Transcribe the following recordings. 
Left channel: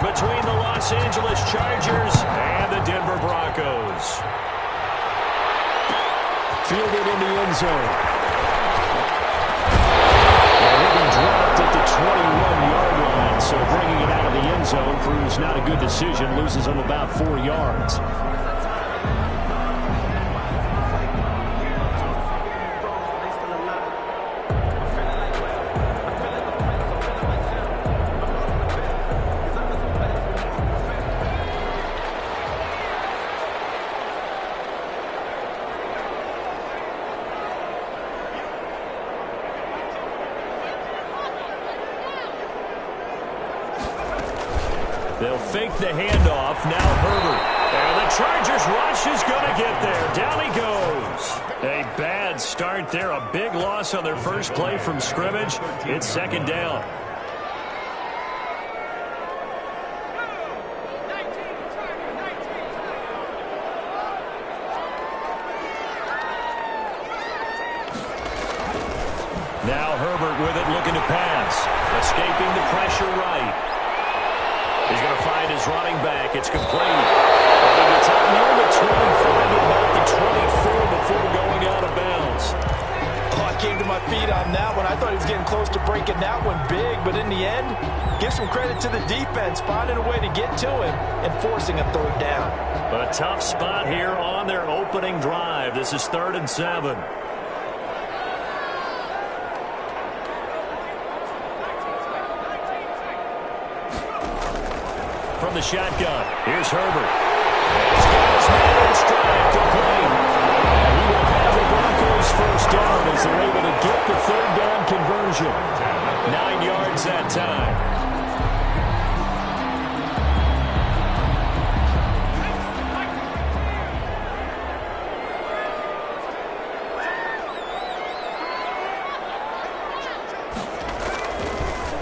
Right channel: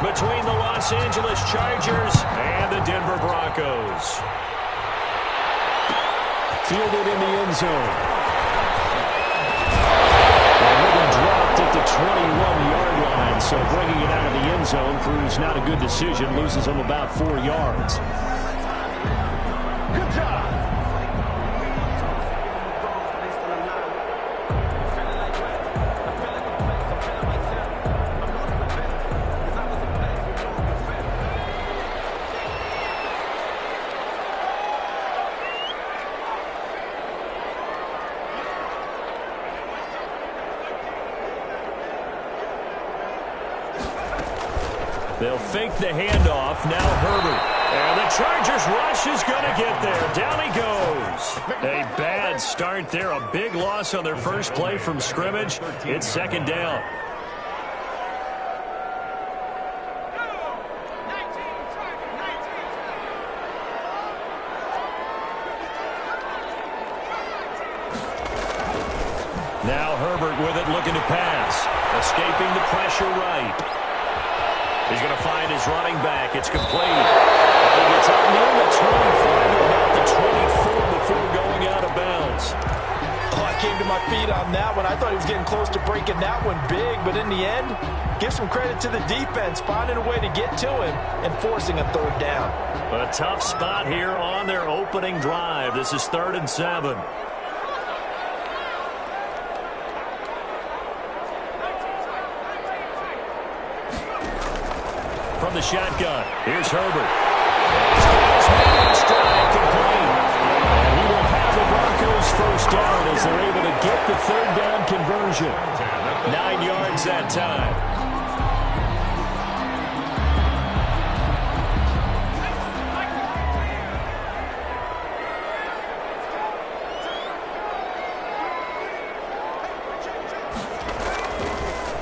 between the Los Angeles Chargers and the Denver Broncos. Fielded in the end zone. And he'll be dropped at the 21-yard line, so bringing it out of the end zone proves not a good decision, loses him about 4 yards. They'll fake the handoff. Now Herbert. And the Chargers rush is going to get there. Down he goes. A bad start there. A big loss on their first play from scrimmage. It's second down. Now Herbert with it, looking to pass. Escaping the pressure right. He's going to find his running back. It's complete. And he gets up near the 25 to about the 24 before going out of bounds. Oh, I came to my feet on that one. I thought he was getting close to breaking that one big, but in the end, give some credit to the defense, finding a way to get to him and forcing a third down. A tough spot here on their opening drive. This is 3rd and 7. From the shotgun, here's Herbert. And he's got his man in stride, complete. And he will have the Broncos first down as they're able to get the 3rd down conversion. 9 yards that time.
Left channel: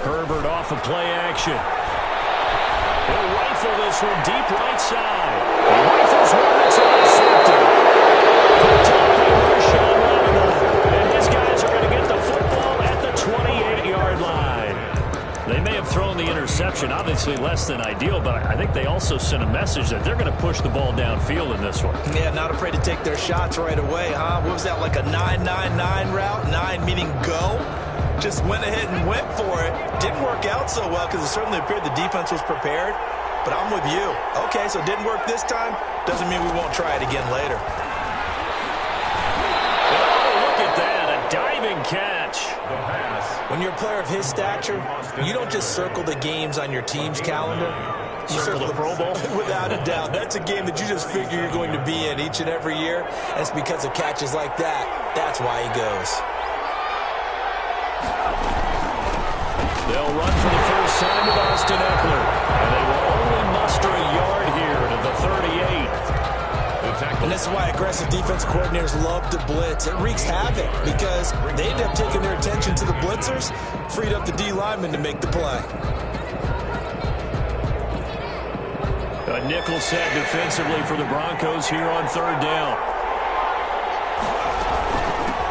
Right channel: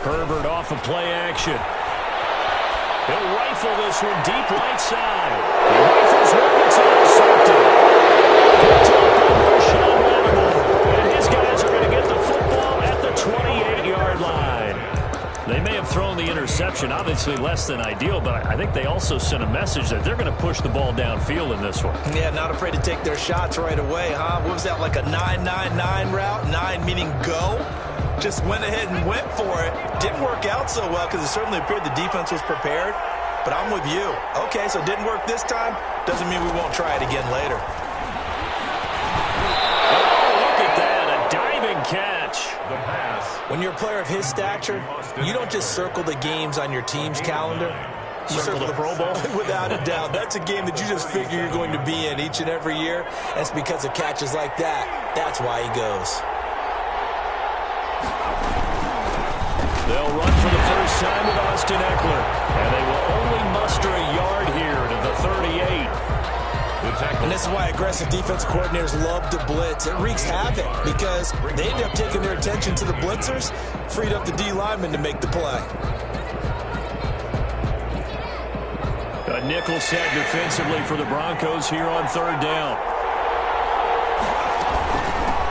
Herbert off of play action. He'll rifle this one deep right side. He rifles one that's intercepted. Picked up by Marshawn Lattimore. And his guys are going to get the football at the 28-yard line. They may have thrown the interception, obviously less than ideal, but I think they also sent a message that they're going to push the ball downfield in this one. Yeah, not afraid to take their shots right away, huh? What was that, like a 9-9-9 route? 9 meaning go? Just went ahead and went for it. Didn't work out so well because it certainly appeared the defense was prepared. But I'm with you. Okay, so it didn't work this time. Doesn't mean we won't try it again later. Oh, look at that. A diving catch. The pass. When you're a player of his stature, you don't just circle the games on your team's calendar. You circle the Pro Bowl? Without a doubt. That's a game that you just figure you're going to be in each and every year. And it's because of catches like that. That's why he goes. They'll run for the first time with Austin Eckler. And they will only muster a yard here to the 38. And this is why aggressive defense coordinators love to blitz. It wreaks havoc because they end up taking their attention to the blitzers, freed up the D lineman to make the play. A nickel set defensively for the Broncos here on 3rd down.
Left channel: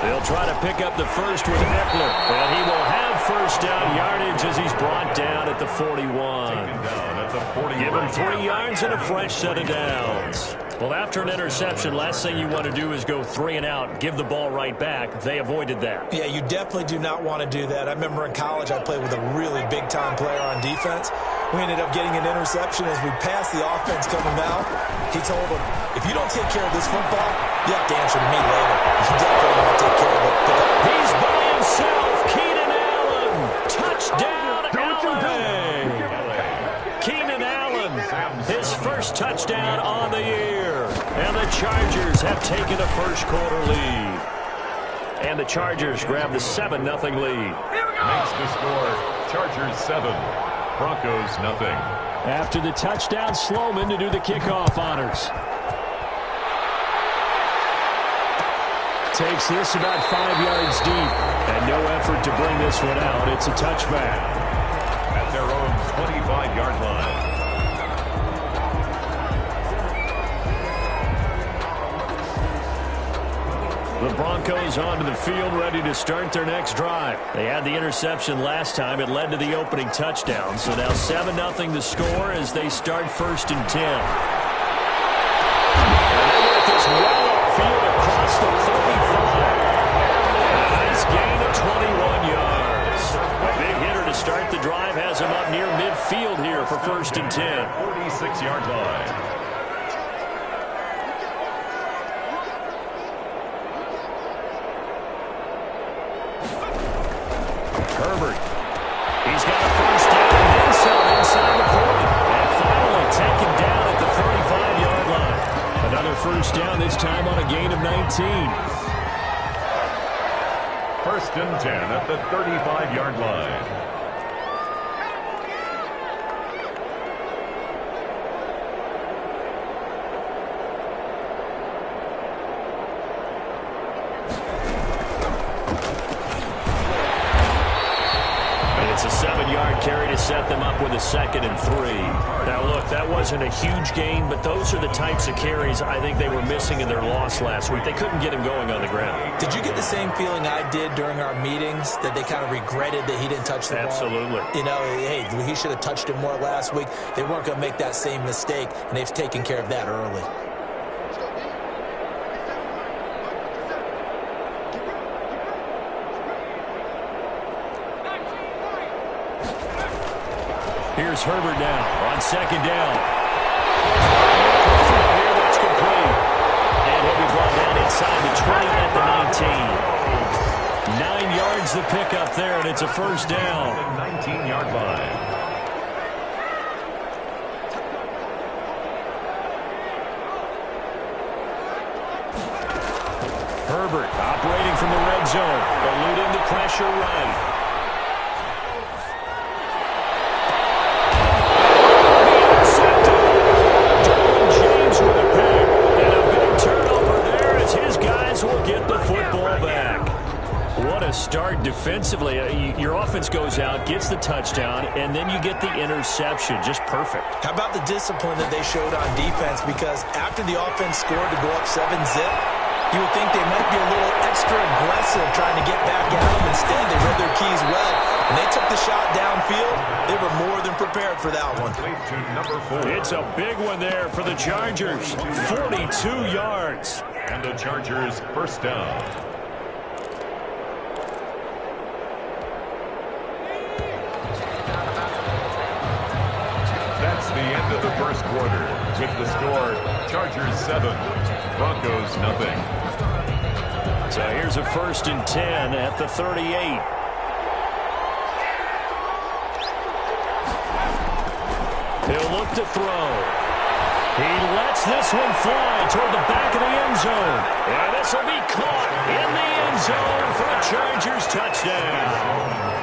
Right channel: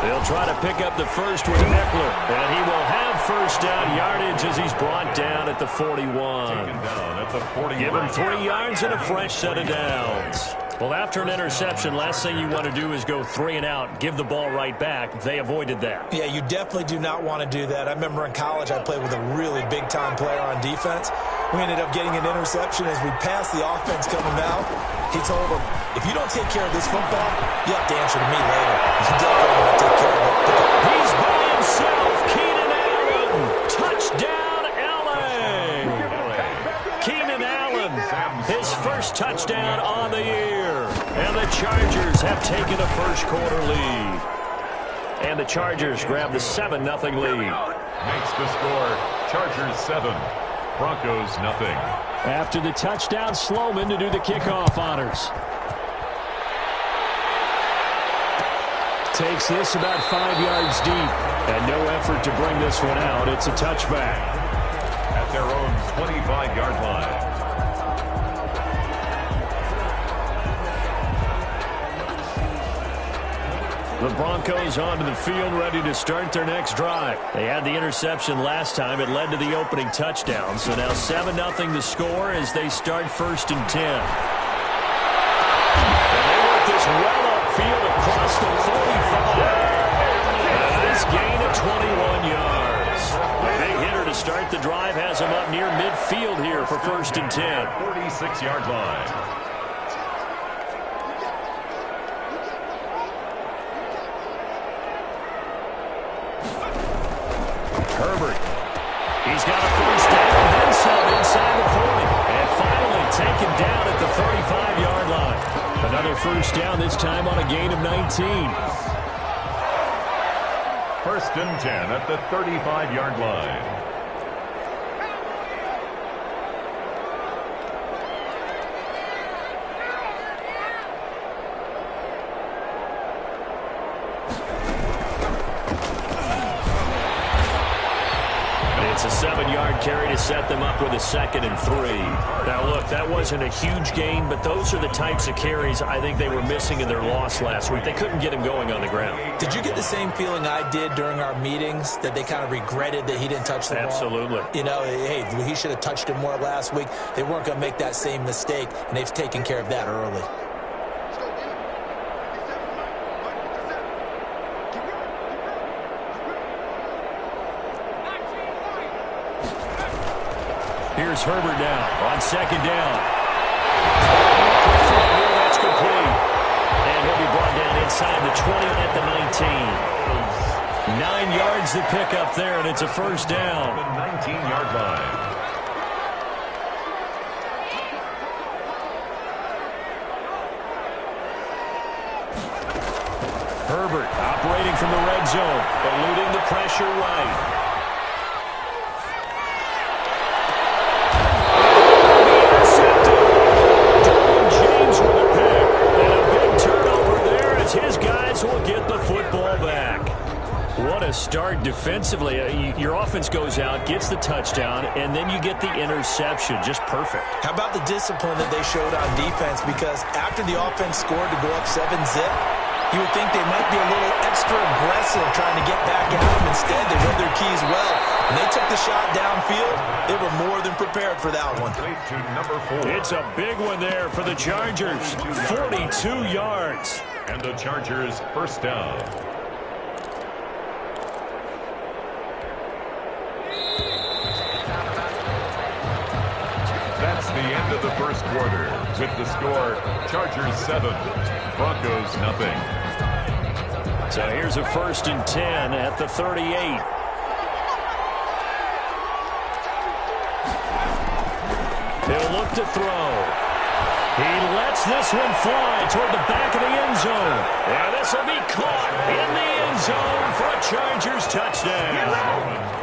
They'll try to pick up the first with Eckler, and he will have first down yardage as he's brought down at the 41. Taken down at the 41. Give him 3 yards and a fresh set of downs. Well, after an interception, last thing you want to do is go 3 and out, give the ball right back. They avoided that. Yeah, you definitely do not want to do that. I remember in college I played with a really big-time player on defense. We ended up getting an interception as we passed the offense coming out. He told him, if you don't take care of this football, you have to answer to me later. You definitely want to take care of it. He's by himself. Keenan Allen. Touchdown, Allen. Keenan Allen, his first touchdown on the year. And the Chargers have taken a first-quarter lead. And the Chargers grab the 7-0 lead. Makes the score Chargers 7, Broncos nothing. After the touchdown, Sloman to do the kickoff honors. Takes this about 5 yards deep. And no effort to bring this one out. It's a touchback. At their own 25-yard line. The Broncos onto the field, ready to start their next drive. They had the interception last time. It led to the opening touchdown. So now 7-0 the score as they start 1st and 10. And they work this well upfield across the 45. A nice gain of 21 yards. A big hitter to start the drive has him up near midfield here for 1st and 10. 46-yard line. Herbert. He's got a 1st down and then some inside the 40. And finally taken down at the 35-yard line. Another 1st down, this time on a gain of 19. 1st and 10 at the 35-yard line. It's a 7-yard carry to set them up with a 2nd and 3. Now, look, that wasn't a huge gain, but those are the types of carries I think they were missing in their loss last week. They couldn't get him going on the ground. Did you get the same feeling I did during our meetings, that they kind of regretted that he didn't touch the ball? Absolutely. You know, hey, he should have touched it more last week. They weren't going to make that same mistake, and they've taken care of that early. Here's Herbert now on 2nd down. Here, that's complete. And he'll be brought down inside the 20 at the 19. 9 yards to pick up there, and it's a 1st down. The 19-yard line. Herbert operating from the red zone, eluding the pressure right. With a pick, and a big turnover there as his guys will get the football back. What a start defensively. Your offense goes out, gets the touchdown, and then you get the interception. Just perfect. How about the discipline that they showed on defense? Because after the offense scored to go up 7-zip, you would think they might be a little extra aggressive trying to get back at them. Instead, they read their keys well. When they took the shot downfield, they were more than prepared for that one. To number 4. It's a big one there for the Chargers. 42 yards. And the Chargers 1st down. That's the end of the 1st quarter. With the score, Chargers 7, Broncos nothing. So here's a 1st and 10 at the 38. He'll look to throw. He lets this one fly toward the back of the end zone. And this will be caught in the end zone for a Chargers touchdown.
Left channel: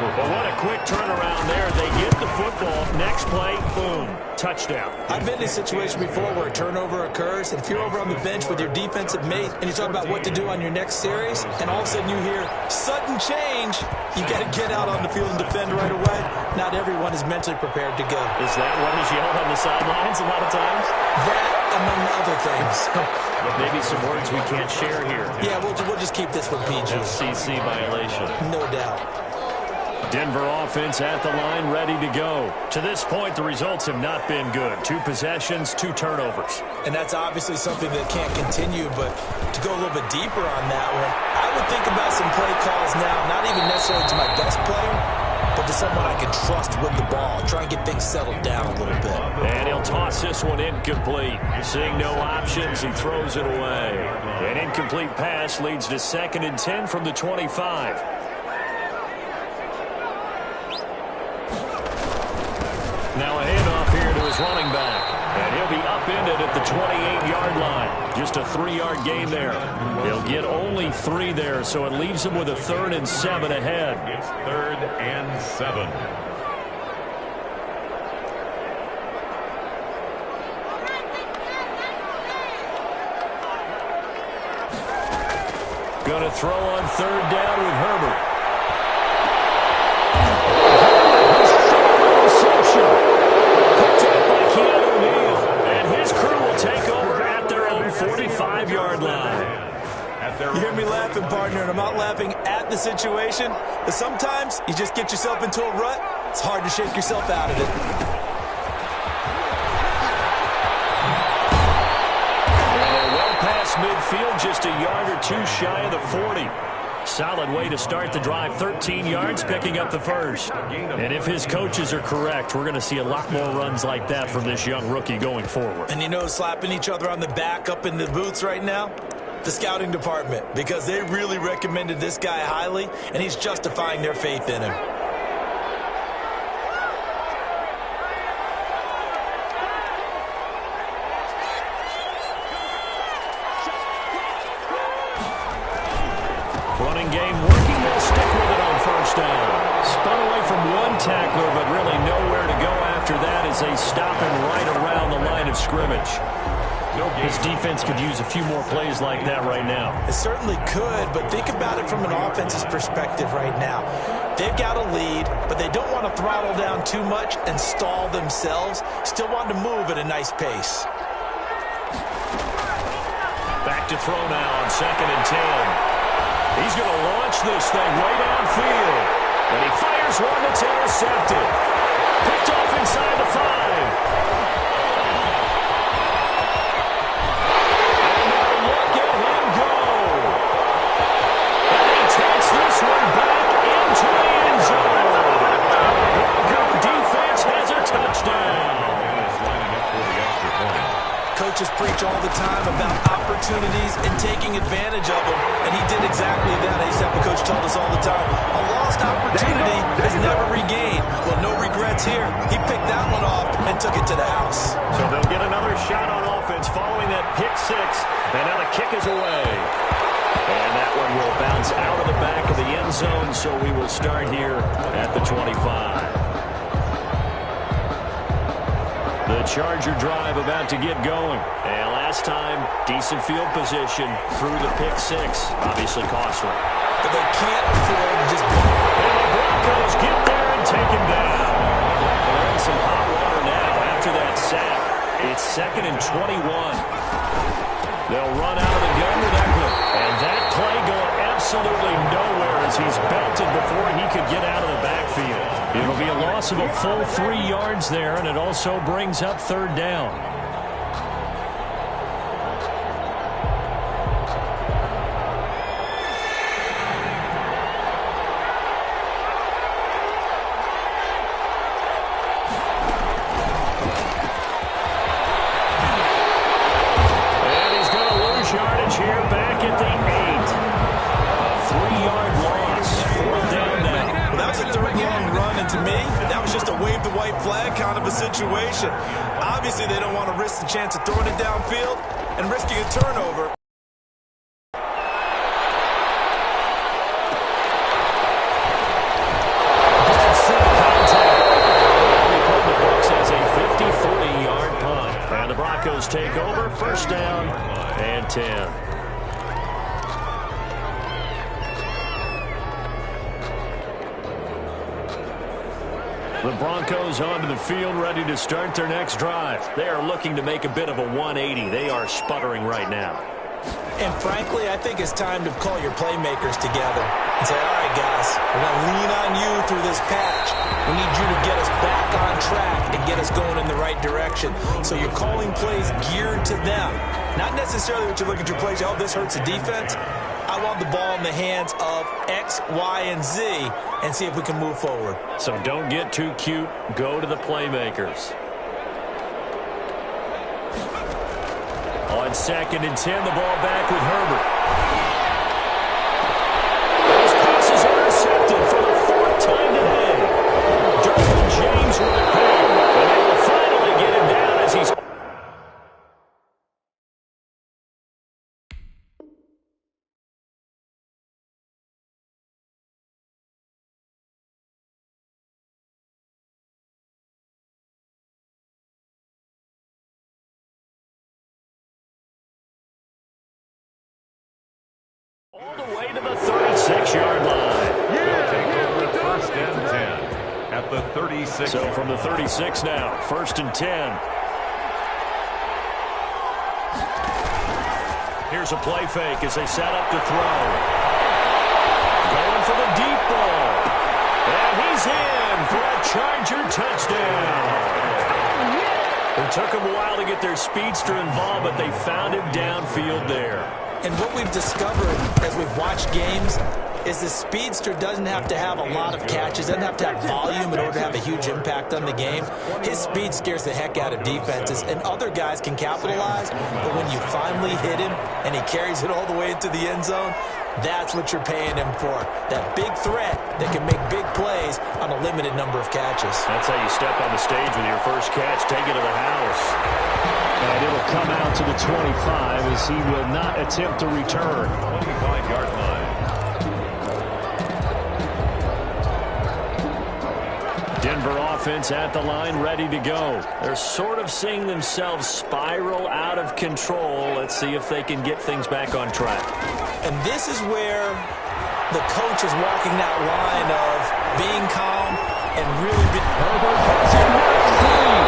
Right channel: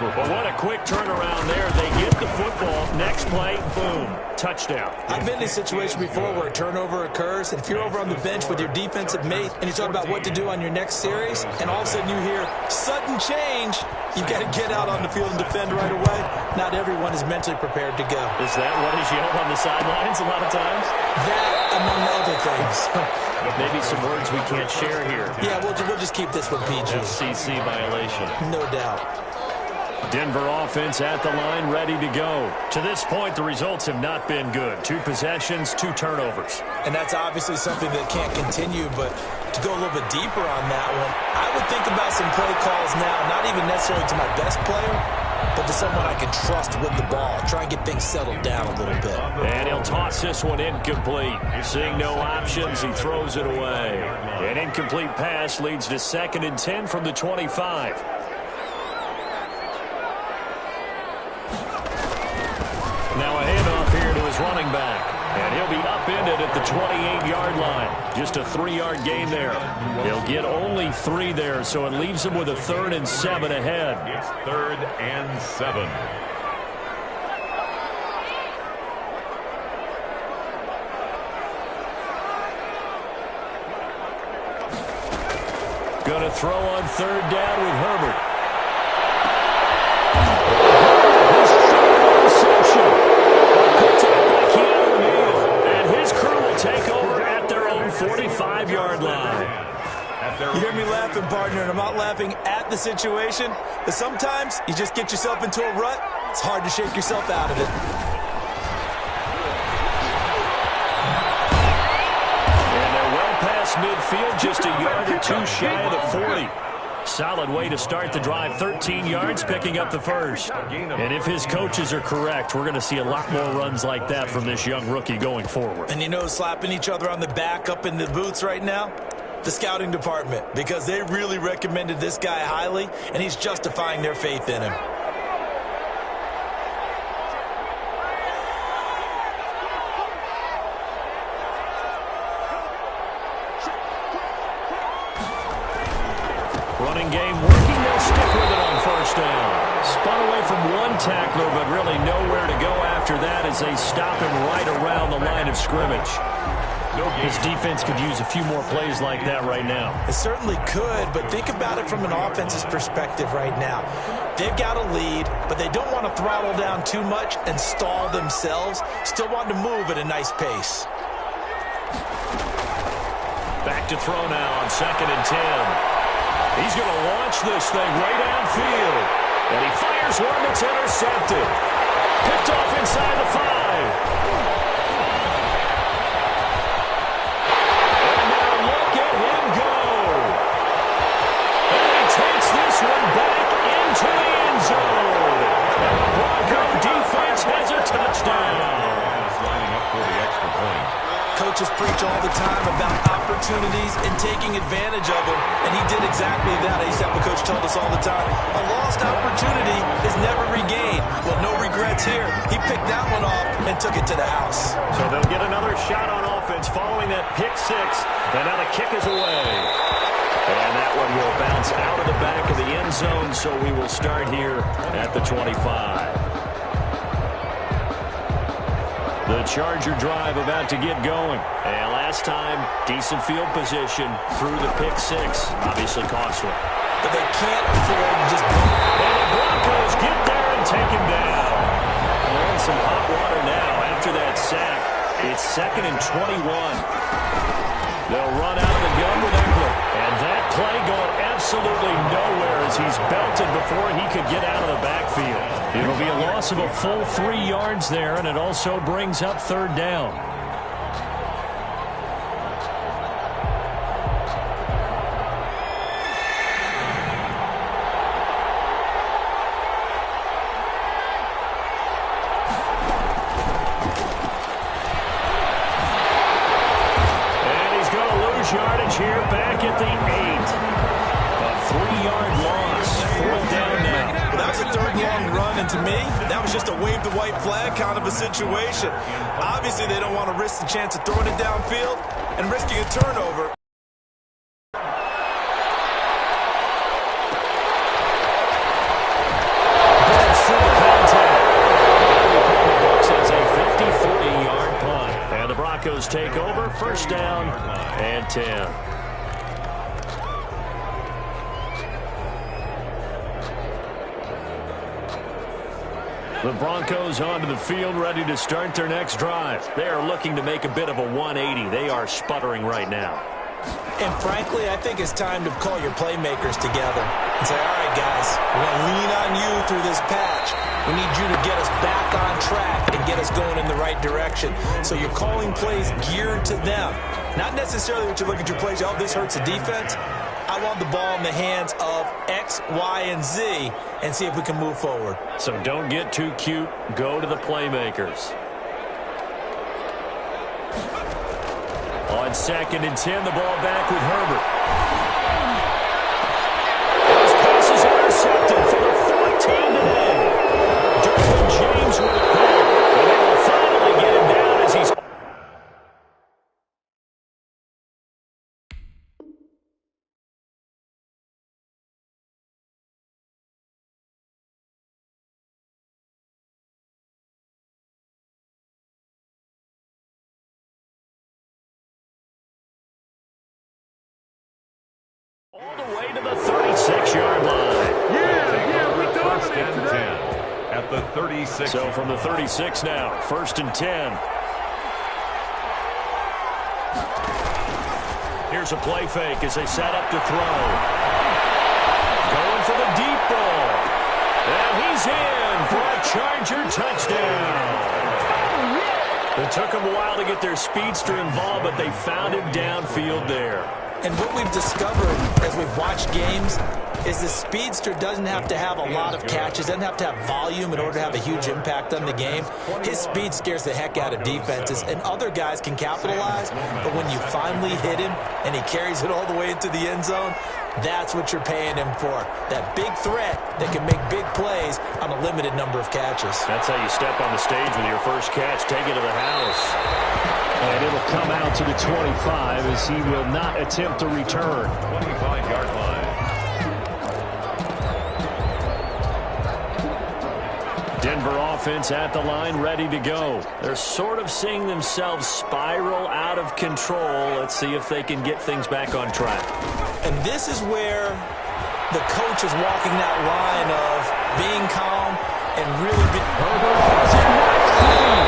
But what a quick turnaround there. They get the football. Next play, boom, touchdown. I've been in a situation before where a turnover occurs, and if you're over on the bench with your defensive mate and you talk about what to do on your next series, and all of a sudden you hear sudden change, you've got to get out on the field and defend right away. Not everyone is mentally prepared to go. Is that what is yelled on the sidelines a lot of times? That, among other things. Maybe some words we can't share here. Yeah, we'll just keep this one PG. FCC violation. No doubt. Denver offense at the line, ready to go. To this point, the results have not been good. 2 possessions, 2 turnovers. And that's obviously something that can't continue, but to go a little bit deeper on that one, I would think about some play calls now, not even necessarily to my best player, but to someone I can trust with the ball. Try and get things settled down a little bit. And he'll toss this one incomplete. Seeing no options, he throws it away. An incomplete pass leads to 2nd and 10 from the 25. Now a handoff here to his running back. And he'll be upended at the 28-yard line. Just a 3-yard gain there. He'll get only 3 there, so it leaves him with a 3rd and 7 ahead. It's 3rd and 7. Going to throw on 3rd down with Herbert. Take over at their own 45-yard line. me laughing, partner, and I'm not laughing at the situation, but sometimes you just get yourself into a rut. It's hard to shake yourself out of it. And they're well past midfield, just a yard or two shy of the 40. Solid way to start the drive, 13 yards, picking up the first. And if his coaches are correct, we're going to see a lot more runs like that from this young rookie going forward. And you know, slapping each other on the back up in the booths right now? The scouting department, because they really recommended this guy highly, and he's justifying their faith in him. Running game working, they'll stick with it on first down. Spun away from one tackler, but really nowhere to go after that as they stop him right around the line of scrimmage. This defense could use a few more plays like that right now. It certainly could, but think about it from an offense's perspective right now. They've got a lead, but they don't want to throttle down too much and stall themselves. Still want to move at a nice pace. Back to throw now on 2nd and 10. He's going to launch this thing right downfield. And he fires one that's intercepted. Picked off inside the 5. And now look at him go. And he takes this one back into the end zone. And the Bronco defense has a touchdown. And it's lining up for the extra point. Coaches preach all the time about opportunities and taking advantage of them, and he did exactly that. I used to have a coach told us all the time, a lost opportunity is never regained. Well, no regrets here. He picked that one off and took it to the house. So they'll get another shot on offense following that pick 6, and now the kick is away. And that one will bounce out of the back of the end zone, so we will start here at the 25. The Charger drive about to get going. And last time, decent field position through the pick 6. Obviously costly. But they can't afford to just blow. And the Broncos get there and take him down. Well, they're in some hot water now after that sack. It's 2nd and 21. They'll run out of the gun with Eckler. And that play going absolutely nowhere as he's belted before he could get out of the backfield. It'll be a loss of a full 3 yards there, and it also brings up 3rd down. Yardage here back at the 8. A 3-yard loss. 4th down now. Well, that was a 3rd long run, and to me, that was just a wave the white flag kind of a situation. Obviously, they don't want to risk the chance of throwing it downfield and risking a turnover. That's to the contact. That'll be put in the books as a 53-yard punt. And the Broncos take over. 1st down and 10. The Broncos onto the field, ready to start their next drive. They are looking to make a bit of a 180. They are sputtering right now. And frankly, I think it's time to call your playmakers together and say, all right, guys, we're going to lean on you through this patch. We need you to get us back on track and get us going in the right direction. So you're calling plays geared to them. Not necessarily what you look at your plays, oh, this hurts the defense. I want the ball in the hands of X, Y, and Z and see if we can move forward. So don't get too cute. Go to the playmakers. On 2nd and 10, the ball back with Herbert. His pass is intercepted for the 4th time today. Derwin James with a pick, and they will finally get him down as he's... all the way to the 36-yard line. Take over at 1st and 10 at the 36. So from the 36 now, 1st and 10. Here's a play fake as they set up to throw. Going for the deep ball. And he's in for a Charger touchdown. It took them a while to get their speedster involved, but they found him downfield there. And what we've discovered as we've watched games is the speedster doesn't have to have a lot of catches, doesn't have to have volume in order to have a huge impact on the game. His speed scares the heck out of defenses, and other guys can capitalize, but when you finally hit him and he carries it all the way into the end zone, that's what you're paying him for. That big threat that can make big plays on a limited number of catches. That's how you step on the stage with your first catch. Take it to the house. And it'll come out to the 25 as he will not attempt to return. 25-yard line. Denver offense at the line, ready to go. They're sort of seeing themselves spiral out of control. Let's see if they can get things back on track. And this is where the coach is walking that line of being calm and really being... Herbert has it right free.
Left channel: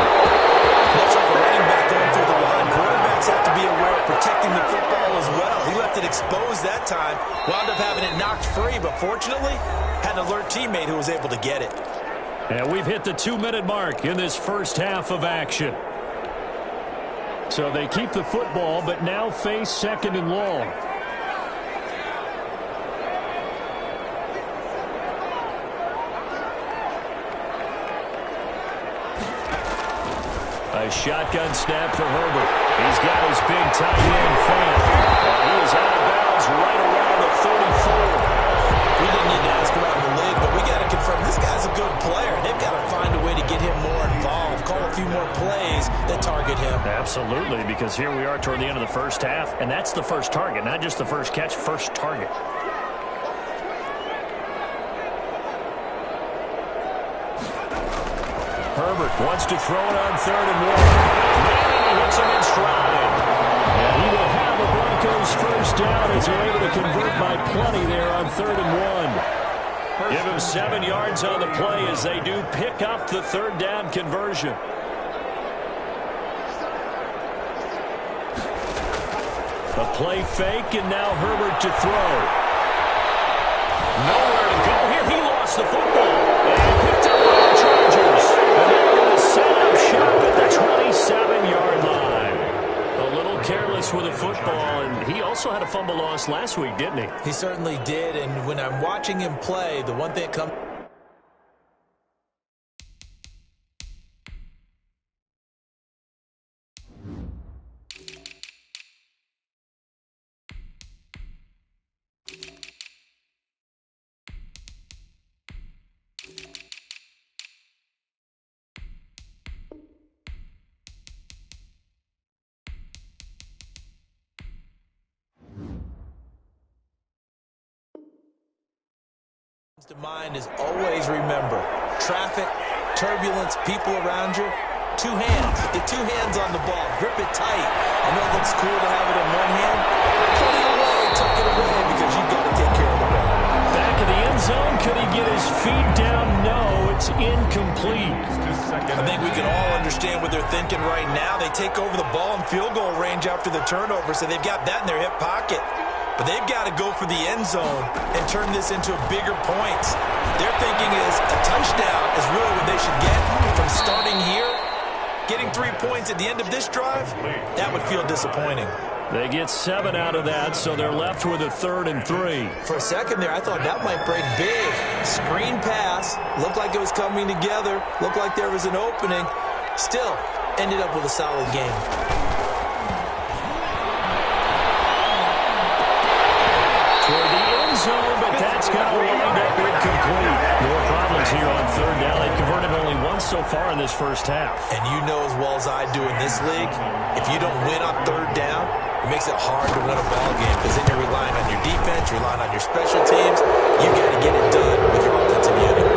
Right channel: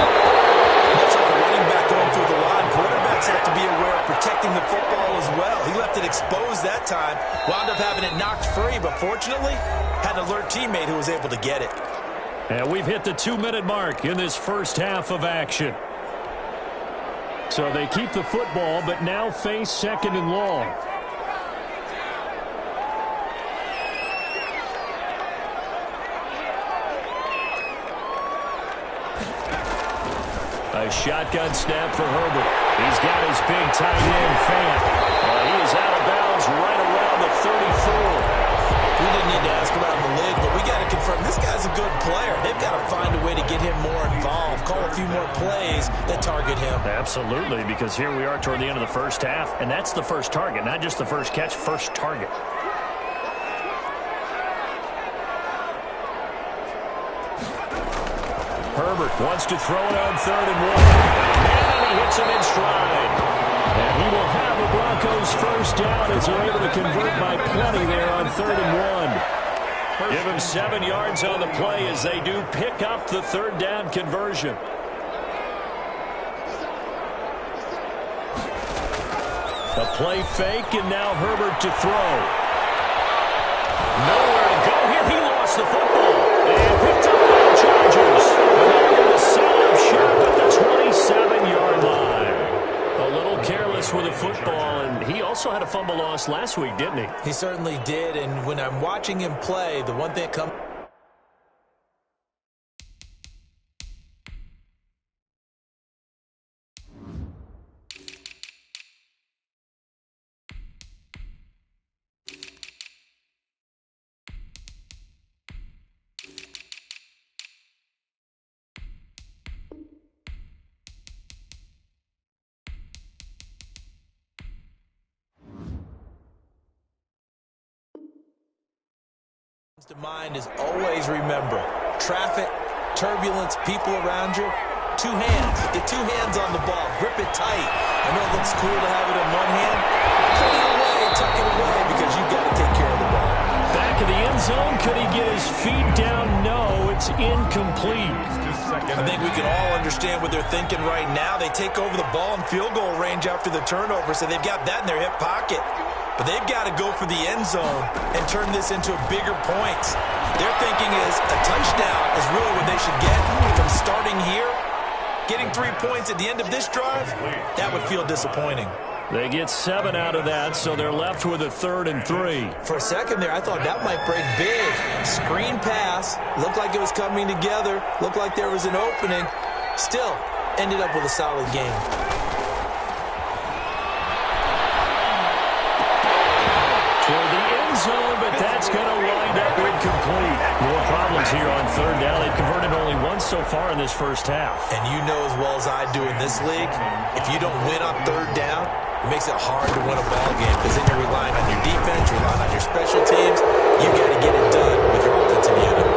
Much like a running back going through the line, quarterbacks have to be aware of protecting the football as well. He left it exposed that time, wound up having it knocked free, but fortunately had an alert teammate who was able to get it. And we've hit the 2-minute mark in this first half of action. So they keep the football, but now face 2nd and long. A shotgun snap for Herbert. He's got his big tight end, Fant. He is out of bounds right around the 34. We didn't need to ask around the league, but we got to confirm this guy's a good player. They've got to find a way to get him more involved, call a few more plays that target him. Absolutely, because here we are toward the end of the first half, and that's the first target, not just the first catch, first target. Herbert wants to throw it on 3rd and 1. Man, and he hits him in stride. And he will have the Broncos first down as they're able to convert by plenty there on 3rd and 1. Give him 7 yards on the play as they do pick up the 3rd down conversion. A play fake, and now Herbert to throw. Nowhere to go here. He lost the football and picked up by the Chargers. And they're going to set up shop at the 27-yard line. A little careless with the football, and he also had a fumble loss last week, didn't he? He certainly did, and when I'm watching him play, the one thing that comes... to mind is always remember traffic, turbulence, people around you. 2 hands. Get 2 hands on the ball. Grip it tight. I know it looks cool to have it in one hand. Put it away, tuck it away, because you've got to take care of the ball. Back of the end zone. Could he get his feet down? No, it's incomplete. I think we can all understand what they're thinking right now. They take over the ball in field goal range after the turnover, so they've got that in their hip pocket. But they've got to go for the end zone and turn this into bigger points. Their thinking is a touchdown is really what they should get from starting here. Getting 3 points at the end of this drive, that would feel disappointing. They get 7 out of that, so they're left with a 3rd and 3. For a second there, I thought that might break big. Screen pass. Looked like it was coming together. Looked like there was an opening. Still, ended up with a solid game. For the end zone, but that's going to wind up incomplete. More problems here on 3rd down. They've converted only once so far in this first half. And you know as well as I do in this league, if you don't win on 3rd down, it makes it hard to win a ball game because then you're relying on your defense, you're relying on your special teams. You got to get it done with your offensive unit.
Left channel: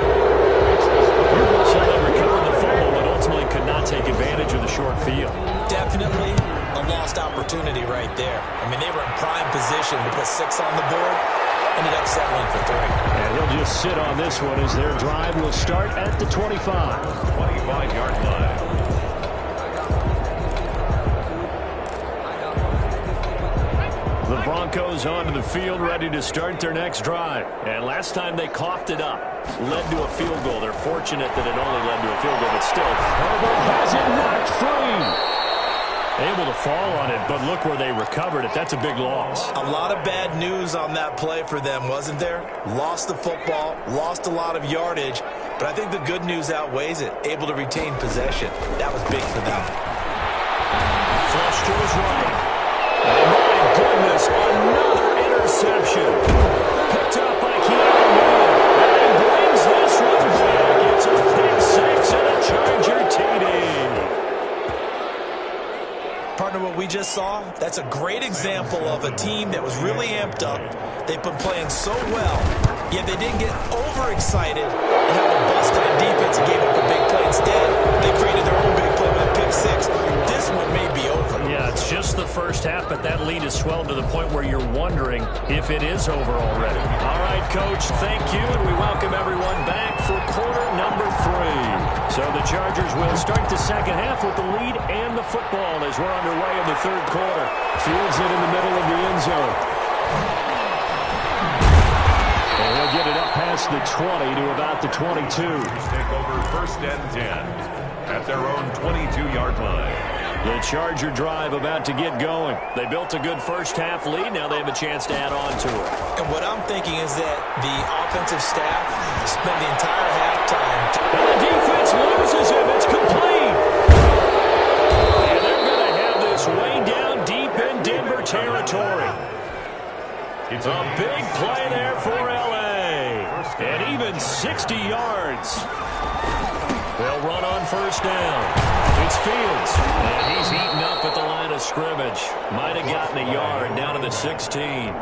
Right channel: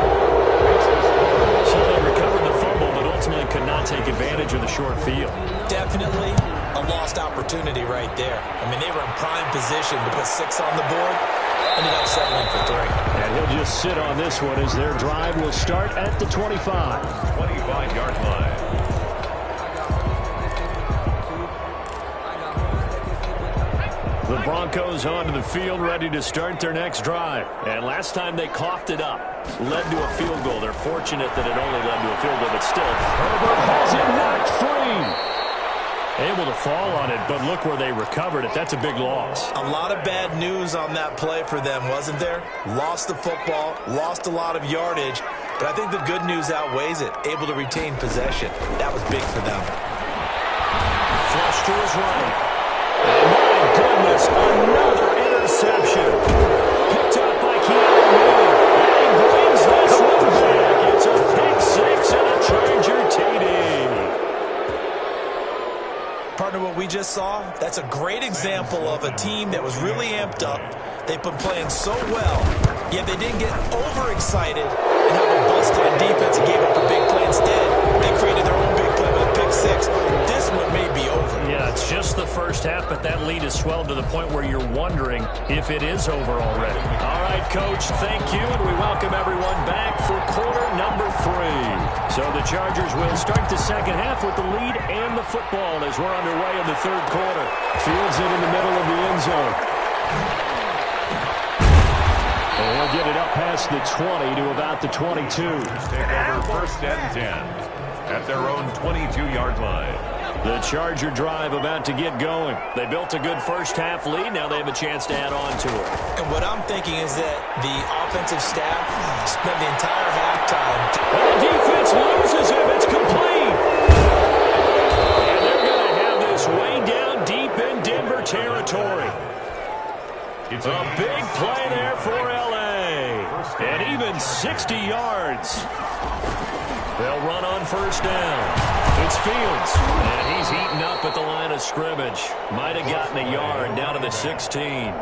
So they recovered the fumble, but ultimately could not take advantage of the short field. Definitely a lost opportunity right there. I mean, they were in prime position to put 6 on the board. Ended up settling for 3. And he'll just sit on this one as their drive will start at the 25. 25-yard line. The Broncos onto the field, ready to start their next drive. And last time they coughed it up, led to a field goal. They're fortunate that it only led to a field goal, but still, Herbert has it knocked free. Able to fall on it, but look where they recovered it. That's a big loss. A lot of bad news on that play for them, wasn't there? Lost the football, lost a lot of yardage, but I think the good news outweighs it. Able to retain possession. That was big for them. Flush to his right. And my goodness, another interception. Picked up by Keanu Neal. And he brings this one back. It's a pick six and a Charger TD. Partner, what we just saw, that's a great example of a team that was really amped up. They've been playing so well, yet they didn't get overexcited and have a bust on defense and gave up a big play. Instead, they created their own big play with a pick six. This one may be over. Yeah, it's just the first half, but that lead has swelled to the point where you're wondering if it is over already. All right, Coach, thank you, and we welcome everyone back for quarter number 3. So the Chargers will start the second half with the lead and the football as we're underway in the third quarter. Fields it in the middle of the end zone. And he'll get it up past the 20 to about the 22. Take over first and 10 at their own 22-yard line. The Charger drive about to get going. They built a good first half lead. Now they have a chance to add on to it. And what I'm thinking is that the offensive staff spent the entire halftime. And the defense loses him. It's complete. And they're going to have this way down deep in Denver territory. It's a big play there for L.A. And even 60 yards. They'll run on first down. It's Fields. And he's eaten up at the line of scrimmage. Might have gotten a yard down to the 16.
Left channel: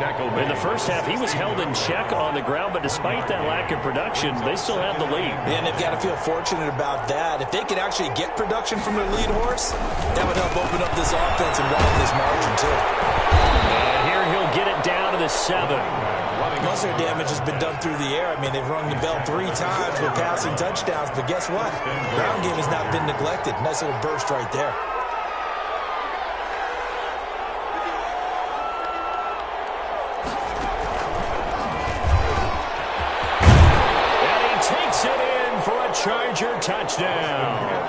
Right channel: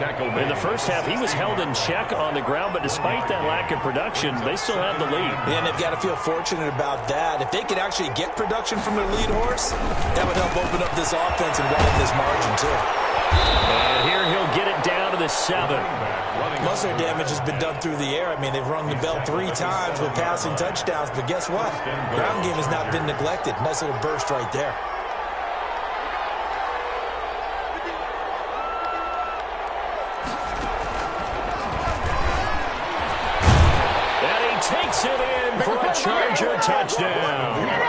In the first half, he was held in check on the ground, but despite that lack of production, they still have the lead. And they've got to feel fortunate about that. If they could actually get production from their lead horse, that would help open up this offense and widen this margin, too. And here he'll get it down to the 7. Most of their damage has been done through the air. I mean, they've rung the bell 3 times with passing touchdowns, but guess what? Ground game has not been neglected. Nice little burst right there. And he takes it in for a Charger touchdown.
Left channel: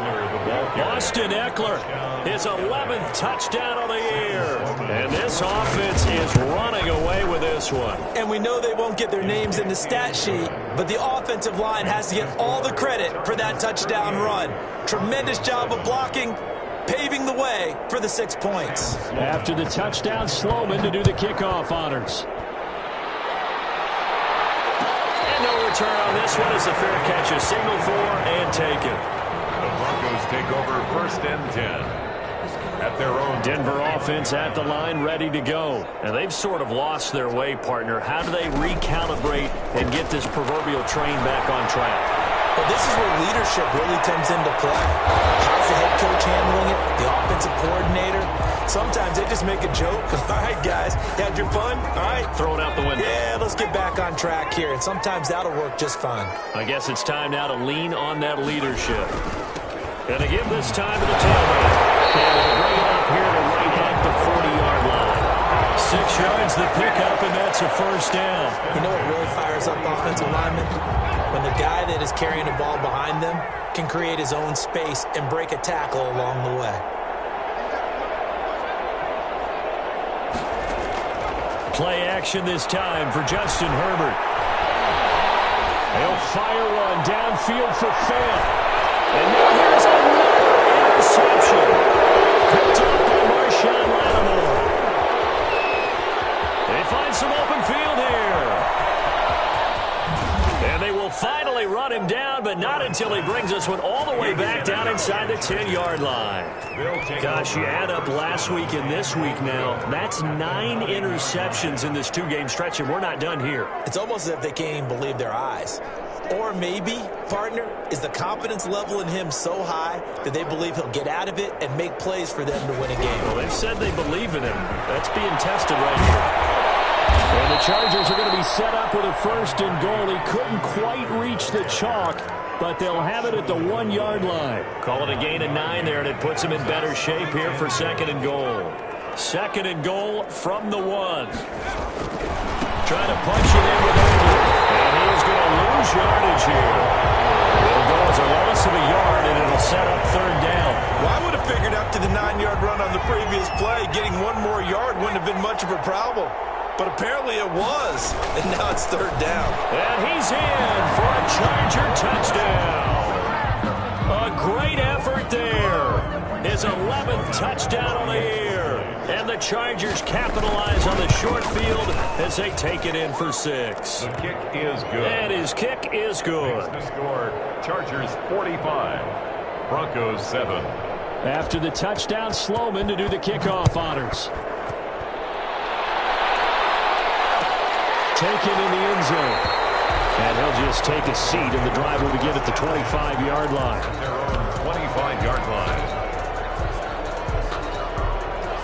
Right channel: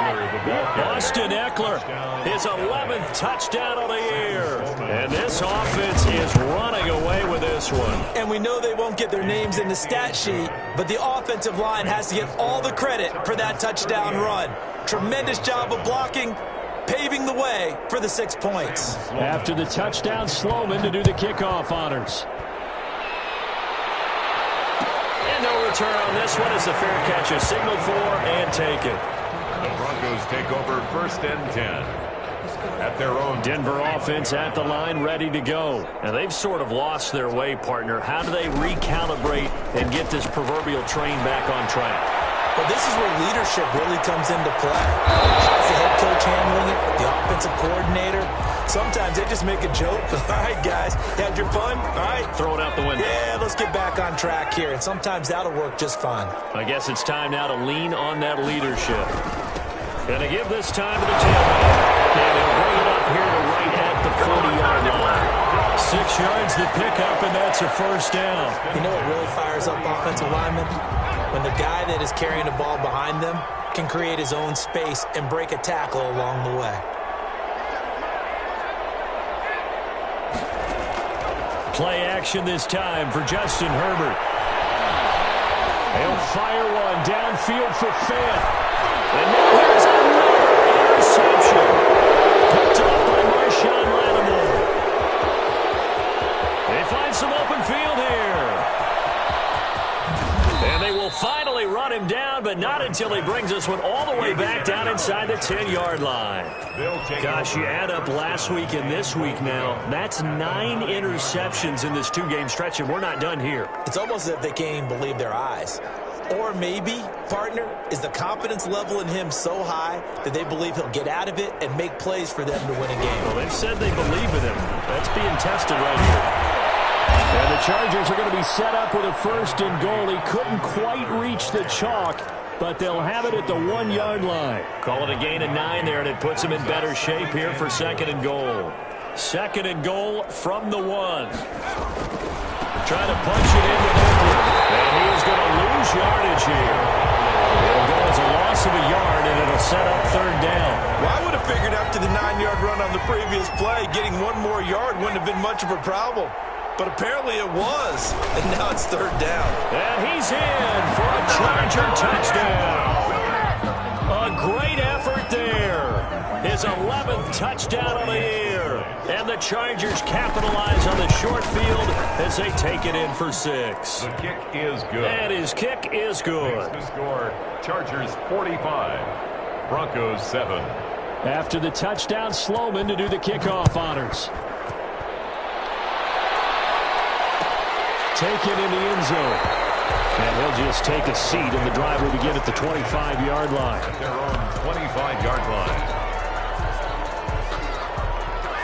Austin Eckler, his 11th touchdown of the year. And this offense is running away with this one. And we know they won't get their names in the stat sheet, but the offensive line has to get all the credit for that touchdown run. Tremendous job of blocking, paving the way for the 6 points. After the touchdown, Sloman to do the kickoff honors. And no return on this one as the fair catch is signaled for and taken. The Broncos take over first and 10 at their own. Denver offense at the line, ready to go. And they've sort of lost their way, partner. How do they recalibrate and get this proverbial train back on track? Well, this is where leadership really comes into play. How's the head coach handling it? The offensive coordinator? Sometimes they just make a joke. All right, guys, had your fun? All right. Throw it out the window. Yeah, let's get back on track here. And sometimes that'll work just fine. I guess it's time now to lean on that leadership. And to give this time to the tailback. And he'll bring it up here to right at the 40-yard line. 6 yards the pickup, and that's a first down. You know what really fires up offensive linemen? When the guy that is carrying the ball behind them can create his own space and break a tackle along the way. Play action this time for Justin Herbert. He'll fire one downfield for Fant. And now here's another interception. Picked up by Marshawn Lattimore. They find some open field here. And they will finally run him down, but not until he brings this one all the way back down inside the 10-yard line. Gosh, you add up last week and this week now, that's 9 interceptions in this 2-game stretch, and we're not done here. It's almost as if they can't even believe their eyes. Or maybe, partner, is the confidence level in him so high that they believe he'll get out of it and make plays for them to win a game. Well, they've said they believe in him. That's being tested right here. And the Chargers are going to be set up with a first and goal. He couldn't quite reach the chalk, but they'll have it at the 1-yard line. Call it a gain of 9 there, and it puts them in better shape here for second and goal. 2nd and goal from the 1. Trying to punch it in with Eckler. And he is going to lose yardage here. It'll go as a loss of a yard, and it'll set up 3rd down. Well, I would have figured after the 9-yard run on the previous play, getting 1 more yard wouldn't have been much of a problem. But apparently it was, and now it's 3rd down. And he's in for a Charger touchdown. A great effort there. His 11th touchdown on the year. And the Chargers capitalize on the short field as they take it in for 6. The kick is good. And his kick is good. Makes the score, Chargers 45, Broncos 7. After the touchdown, Sloman to do the kickoff honors. Taken in the end zone. And he'll just take a seat, and the drive will begin at the 25-yard line. At their own 25-yard line.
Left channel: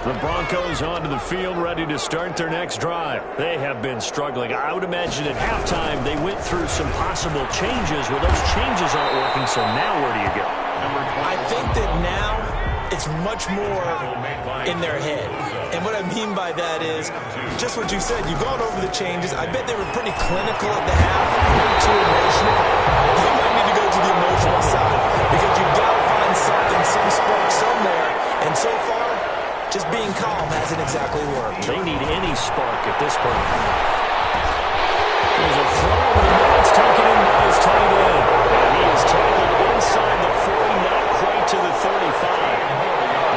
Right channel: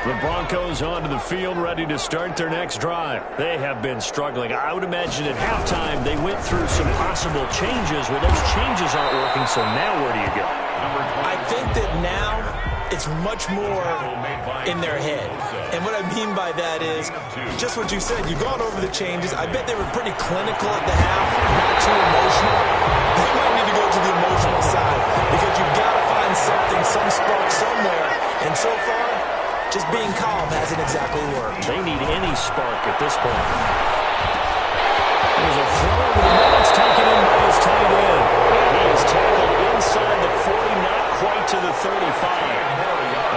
The Broncos onto the field, ready to start their next drive. They have been struggling. I would imagine at halftime they went through some possible changes. Well, those changes aren't working, so now where do you go? I think that now it's much more in their head. And what I mean by that is just what you said. You've gone over the changes. I bet they were pretty clinical at the half, not too emotional. They might need to go to the emotional side because you've got to find something, some spark somewhere. And so far, just being calm hasn't exactly worked. They need any spark at this point. There's a throw over the middle. It's taken in by his tight end. And he is tackled inside the 40, not quite to the 35.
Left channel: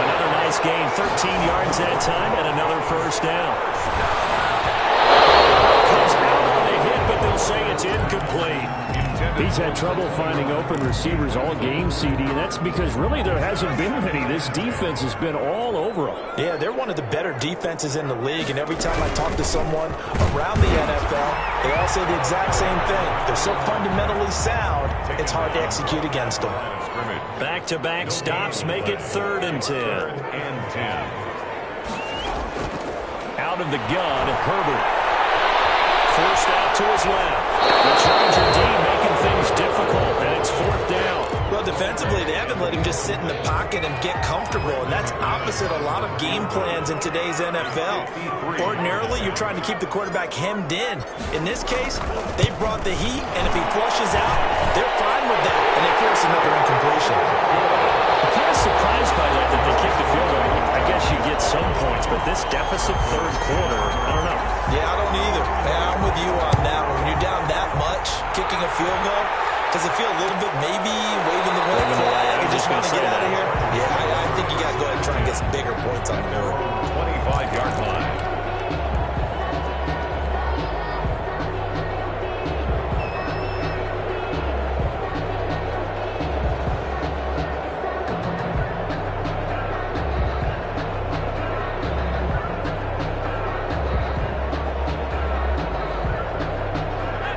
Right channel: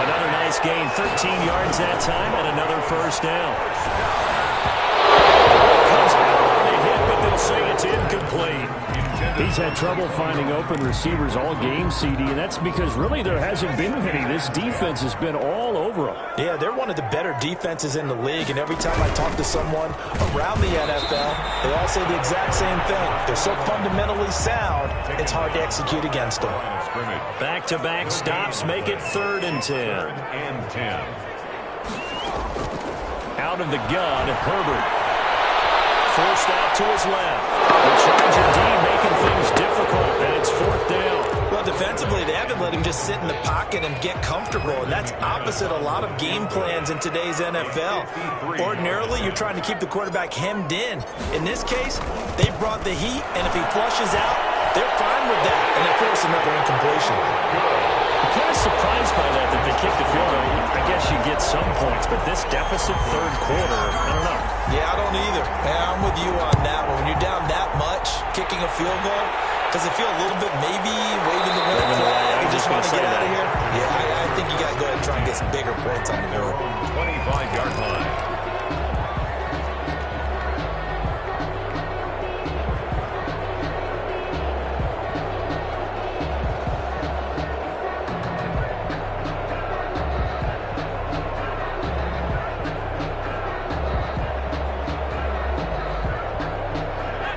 Another nice gain, 13 yards that time, and another 1st down. Comes out on the hit, but they'll say it's incomplete. He's had trouble finding open receivers all game, CD, and that's because really there hasn't been many. This defense has been all over them. Yeah, they're one of the better defenses in the league, and every time I talk to someone around the NFL, they all say the exact same thing. They're so fundamentally sound, it's hard to execute against them. Back-to-back stops make it 3rd and 10. 3rd and 10. Out of the gun, Herbert. Forced out to his left. The Charger D making things difficult, and it's 4th down. Well, defensively, they haven't let him just sit in the pocket and get comfortable, and that's opposite a lot of game plans in today's NFL. Ordinarily, you're trying to keep the quarterback hemmed in. In this case, they brought the heat, and if he flushes out, they're fine with that, and they force another incompletion. I'm kind of surprised by that they kicked the field goal. I guess you get some points, but this deficit 3rd quarter, I don't know. Yeah, I don't either. Yeah, I'm with you on that one. When you're down that much, kicking a field goal, does it feel a little bit maybe waving the white flag? You just want to get out of here? Yeah, I think you got to go ahead and try and get some bigger points on the board. 25-yard line.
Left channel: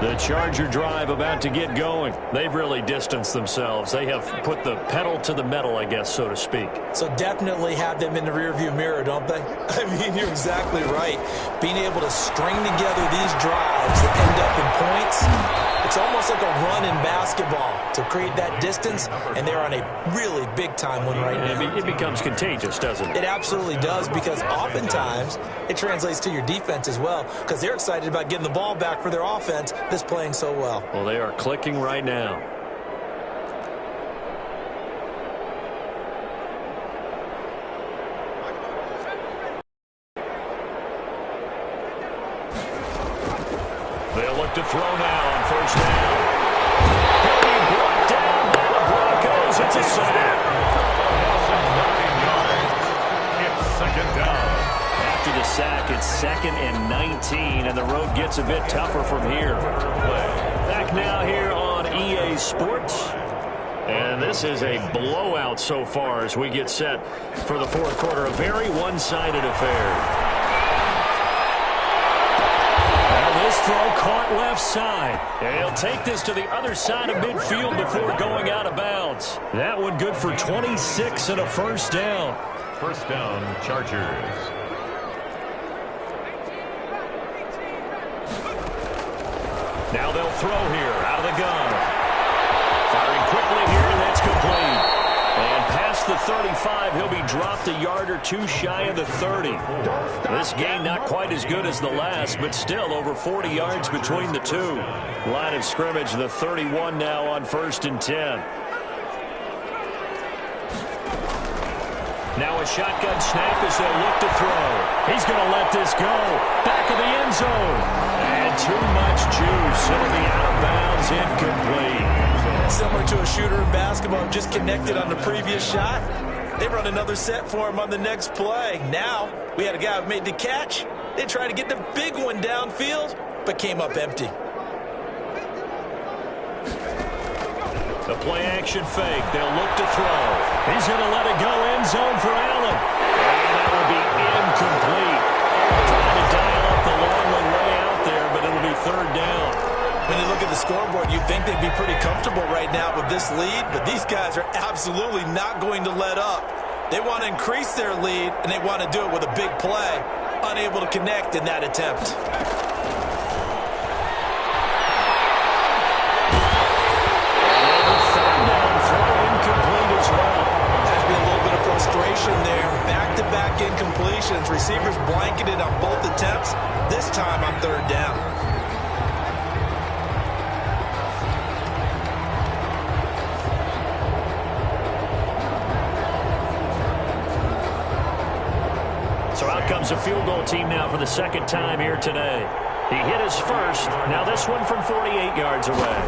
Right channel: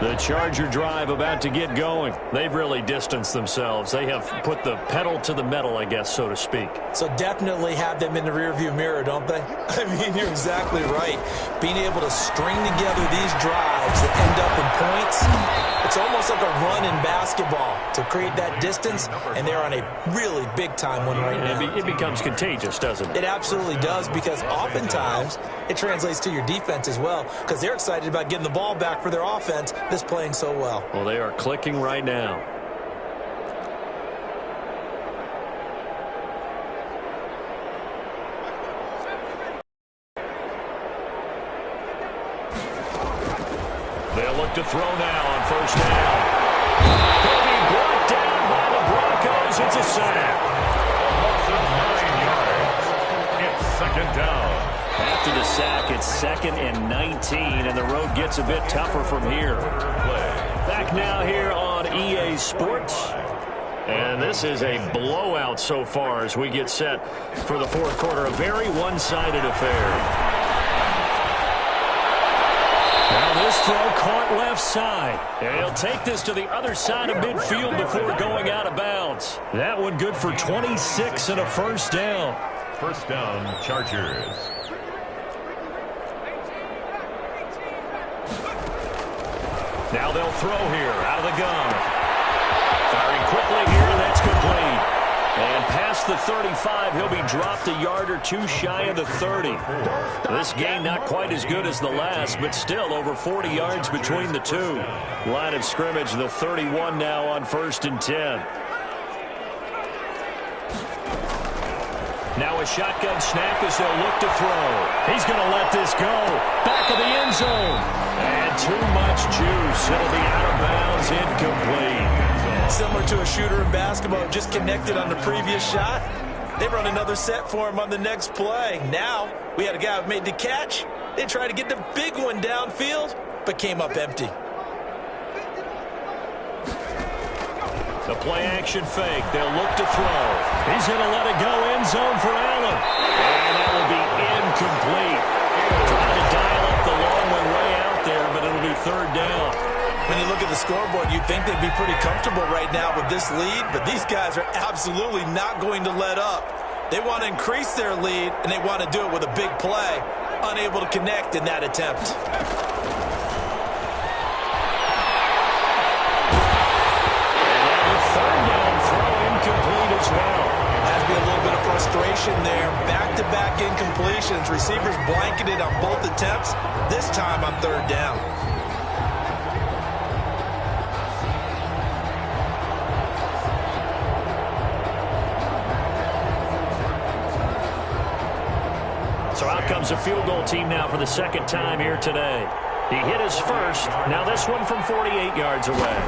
The Charger drive about to get going. They've really distanced themselves. They have put the pedal to the metal, I guess, so to speak. So definitely have them in the rearview mirror, don't they? I mean, you're exactly right. Being able to string together these drives that end up in points, it's almost like a run in basketball to create that distance, and they're on a really big-time one right now. It becomes contagious, doesn't it? It absolutely does, because oftentimes it translates to your defense as well, because they're excited about getting the ball back for their offense that's playing so well. Well, they are clicking right now. They'll look to throw now on 1st down. He'll be brought down by the Broncos. It's a sack. A loss of 9 yards. It's 2nd down. After the sack, it's 2nd and 19, and the road gets a bit tougher from here. Back now here on EA Sports. And this is a blowout so far as we get set for the 4th quarter. A very one-sided affair. Now this throw caught left side. And he'll take this to the other side of midfield before going out of bounds. That one good for 26 and a 1st down. 1st down, Chargers. Now they'll throw here out of the gun. Firing quickly here, and that's complete. And pass past the 35. He'll be dropped a yard or two shy of the 30. This gain not quite as good as the last, but still over 40 yards between the two. Line of scrimmage, the 31 now on 1st and 10. Now a shotgun snap as they'll look to throw. He's going to let this go. Back of the end zone. And too much juice. It'll be out of bounds, incomplete. Similar to a shooter in basketball, just connected on the previous shot. They run another set for him on the next play. Now, we had a guy who made the catch. They tried to get the big one downfield, but came up empty. The play-action fake. They'll look to throw. He's going to let it go end zone for Allen. And that will be incomplete. Trying to dial up the long one way out there, but it'll be 3rd down. When you look at the scoreboard, you'd think they'd be pretty comfortable right now with this lead, but these guys are absolutely not going to let up. They want to increase their lead, and they want to do it with a big play. Unable to connect in that attempt. Incomplete as well. Has to be a little bit of frustration there. Back-to-back incompletions. Receivers blanketed on both attempts. This time on 3rd down. So out comes a field goal team now for the 2nd time here today. He hit his first. Now this one from 48 yards away.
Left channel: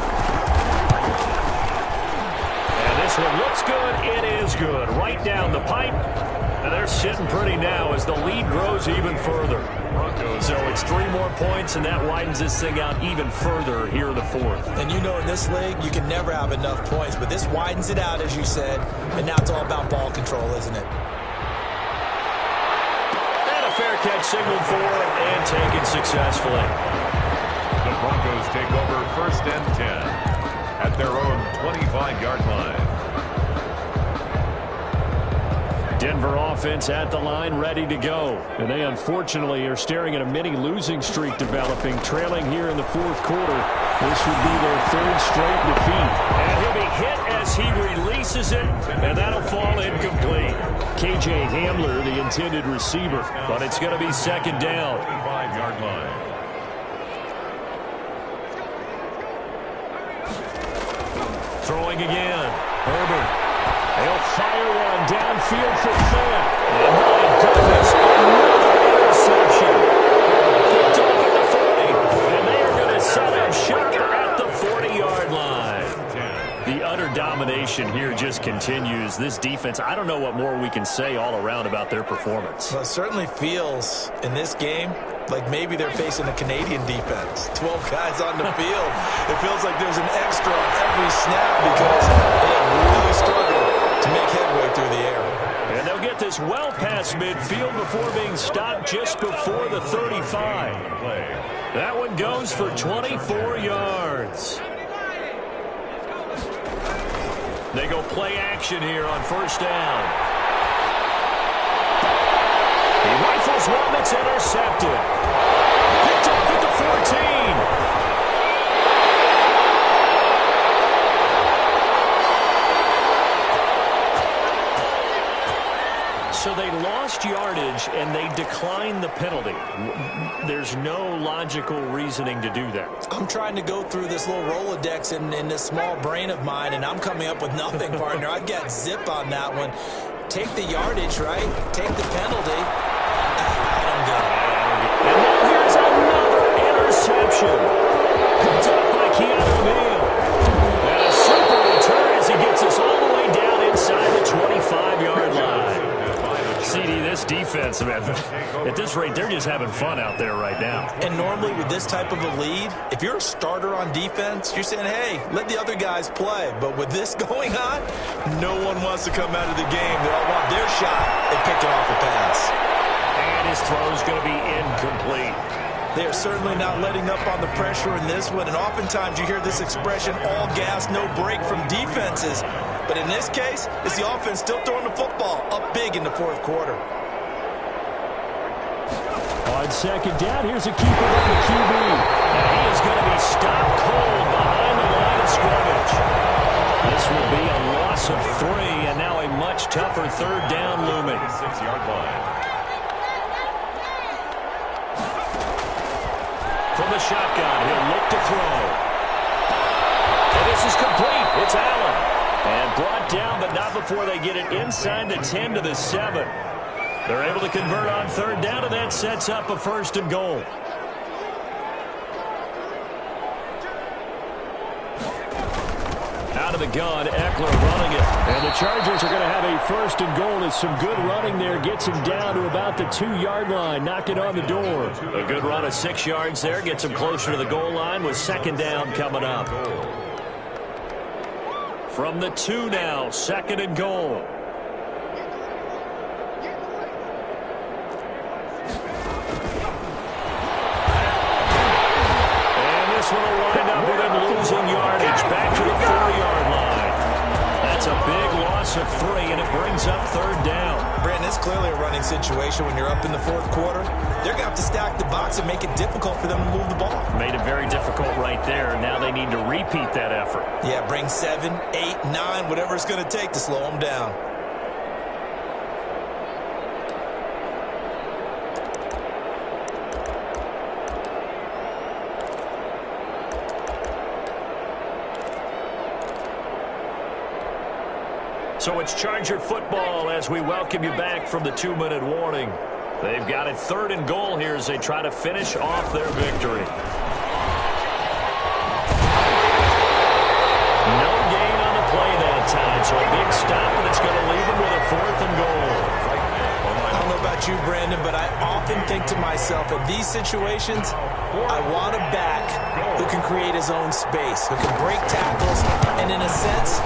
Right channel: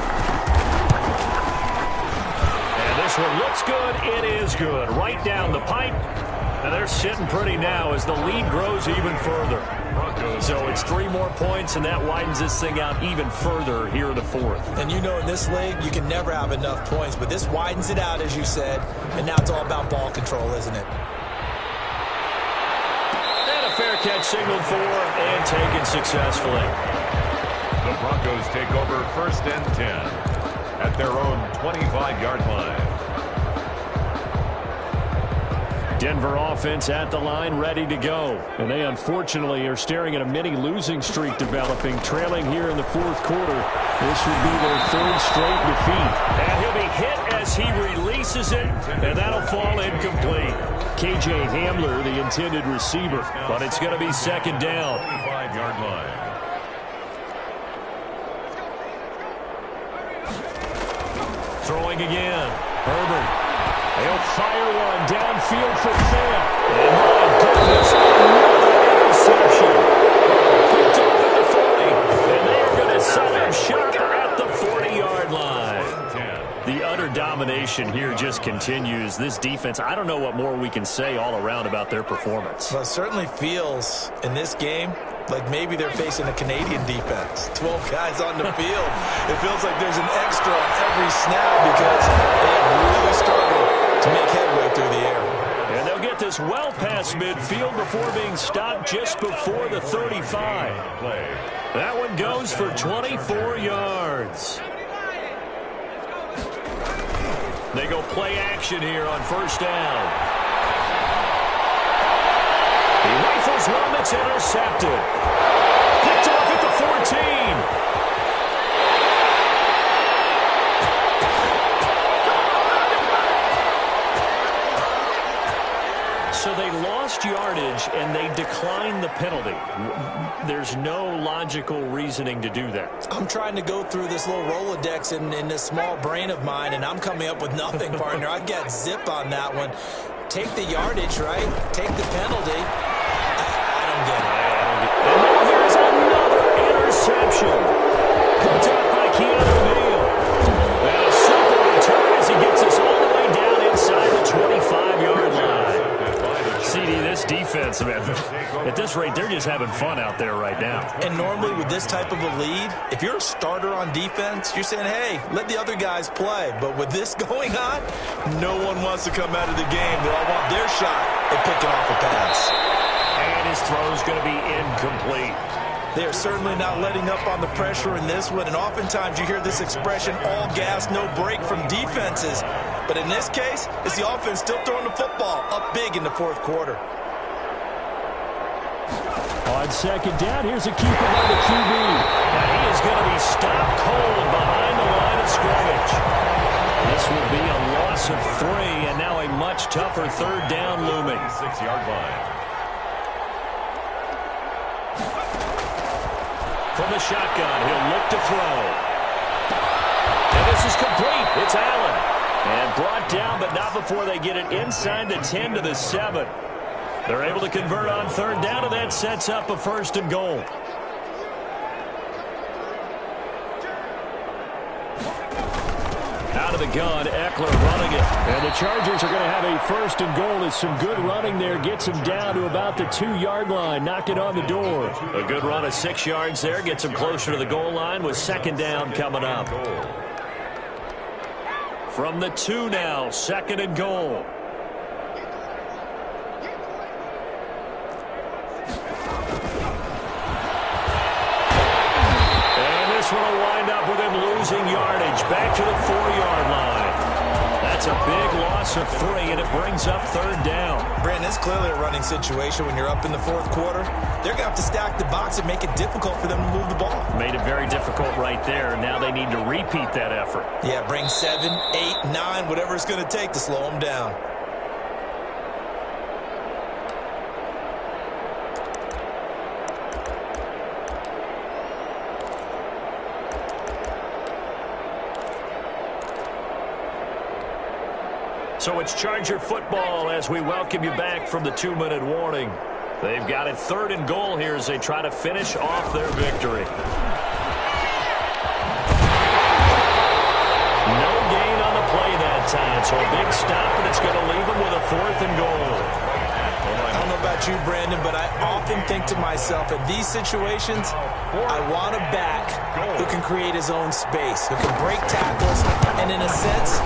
This one looks good. It is good. Right down the pipe. And they're sitting pretty now as the lead grows even further. So it's 3 more points, and that widens this thing out even further here in the 4th. And you know in this league, you can never have enough points. But this widens it out, as you said. And now it's all about ball control, isn't it? And a fair catch signaled for and taken successfully. The Broncos take over 1st and 10 at their own 25-yard line. Denver offense at the line, ready to go. And they unfortunately are staring at a mini losing streak developing, trailing here in the 4th quarter. This would be their 3rd straight defeat. And he'll be hit as he releases it, and that'll fall incomplete. KJ Hamler, the intended receiver, but it's going to be 2nd down. 25-yard line. Throwing again. Herbert. They'll fire one downfield for Fant. And my goodness, another interception. Picked off at the 40. And they are going to set up shop at the 40-yard line. The utter domination here just continues. This defense, I don't know what more we can say all around about their performance. Well, it certainly feels in this game like maybe they're facing a Canadian defense. 12 guys on the field. It feels like there's an extra on every snap because they have really struggled to make headway through the air. And they'll get this well past midfield before being stopped just before the 35. That one goes for 24 yards. They go play action here on 1st down. He rifles one that's intercepted. Picked off at the 14. So they lost yardage, and they declined the penalty. There's no logical reasoning to do that. I'm trying to go through this little Rolodex in this small brain of mine, and I'm coming up with nothing, partner. I've got zip on that one. Take the yardage, right? Take the penalty. I don't get it. And now here's another interception. Picked up by Keanu Neal. And a super return as he gets us all the way down inside the 25-yard line. CD, this defense, man, at this rate, they're just having fun out there right now. And normally with this type of a lead, if you're a starter on defense, you're saying, hey, let the other guys play. But with this going on, no one wants to come out of the game. They all want their shot at picking off a pass. And his throw's going to be incomplete. They are certainly not letting up on the pressure in this one. And oftentimes you hear this expression, all gas, no break from defenses. But in this case, it's the offense still throwing the football up big in the 4th quarter. On 2nd down, here's a keeper by the QB. And he is going to be stopped cold behind the line of scrimmage. This will be a loss of 3, and now a much tougher third down looming. 6-yard line. From the shotgun, he'll look to throw. And this is complete. It's Allen. And brought down, but not before they get it inside the 10 to the 7. They're able to convert on third down, and that sets up a 1st and goal. Out of the gun, Eckler running it. And the Chargers are going to have a 1st and goal as some good running there gets him down to about the 2-yard line, knocking on the door. A good run of 6 yards there gets him closer to the goal line with 2nd down coming up. From the 2 now, 2nd and goal. This one will wind up with him losing yardage back to the 4-yard line. That's a big loss of 3, and it brings up 3rd down. Brandon, it's clearly a running situation when you're up in the 4th quarter. They're going to have to stack the box and make it difficult for them to move the ball. Made it very difficult right there. Now they need to repeat that effort. Yeah, bring 7, 8, 9, whatever it's going to take to slow them down. So it's Charger football as we welcome you back from the 2-minute warning. They've got it 3rd and goal here as they try to finish off their victory. No gain on the play that time, so a big stop, and it's going to leave them with a 4th and goal. I don't know about you, Brandon, but I often think to myself, in these situations, I want a back who can create his own space, who can break tackles, and in a sense,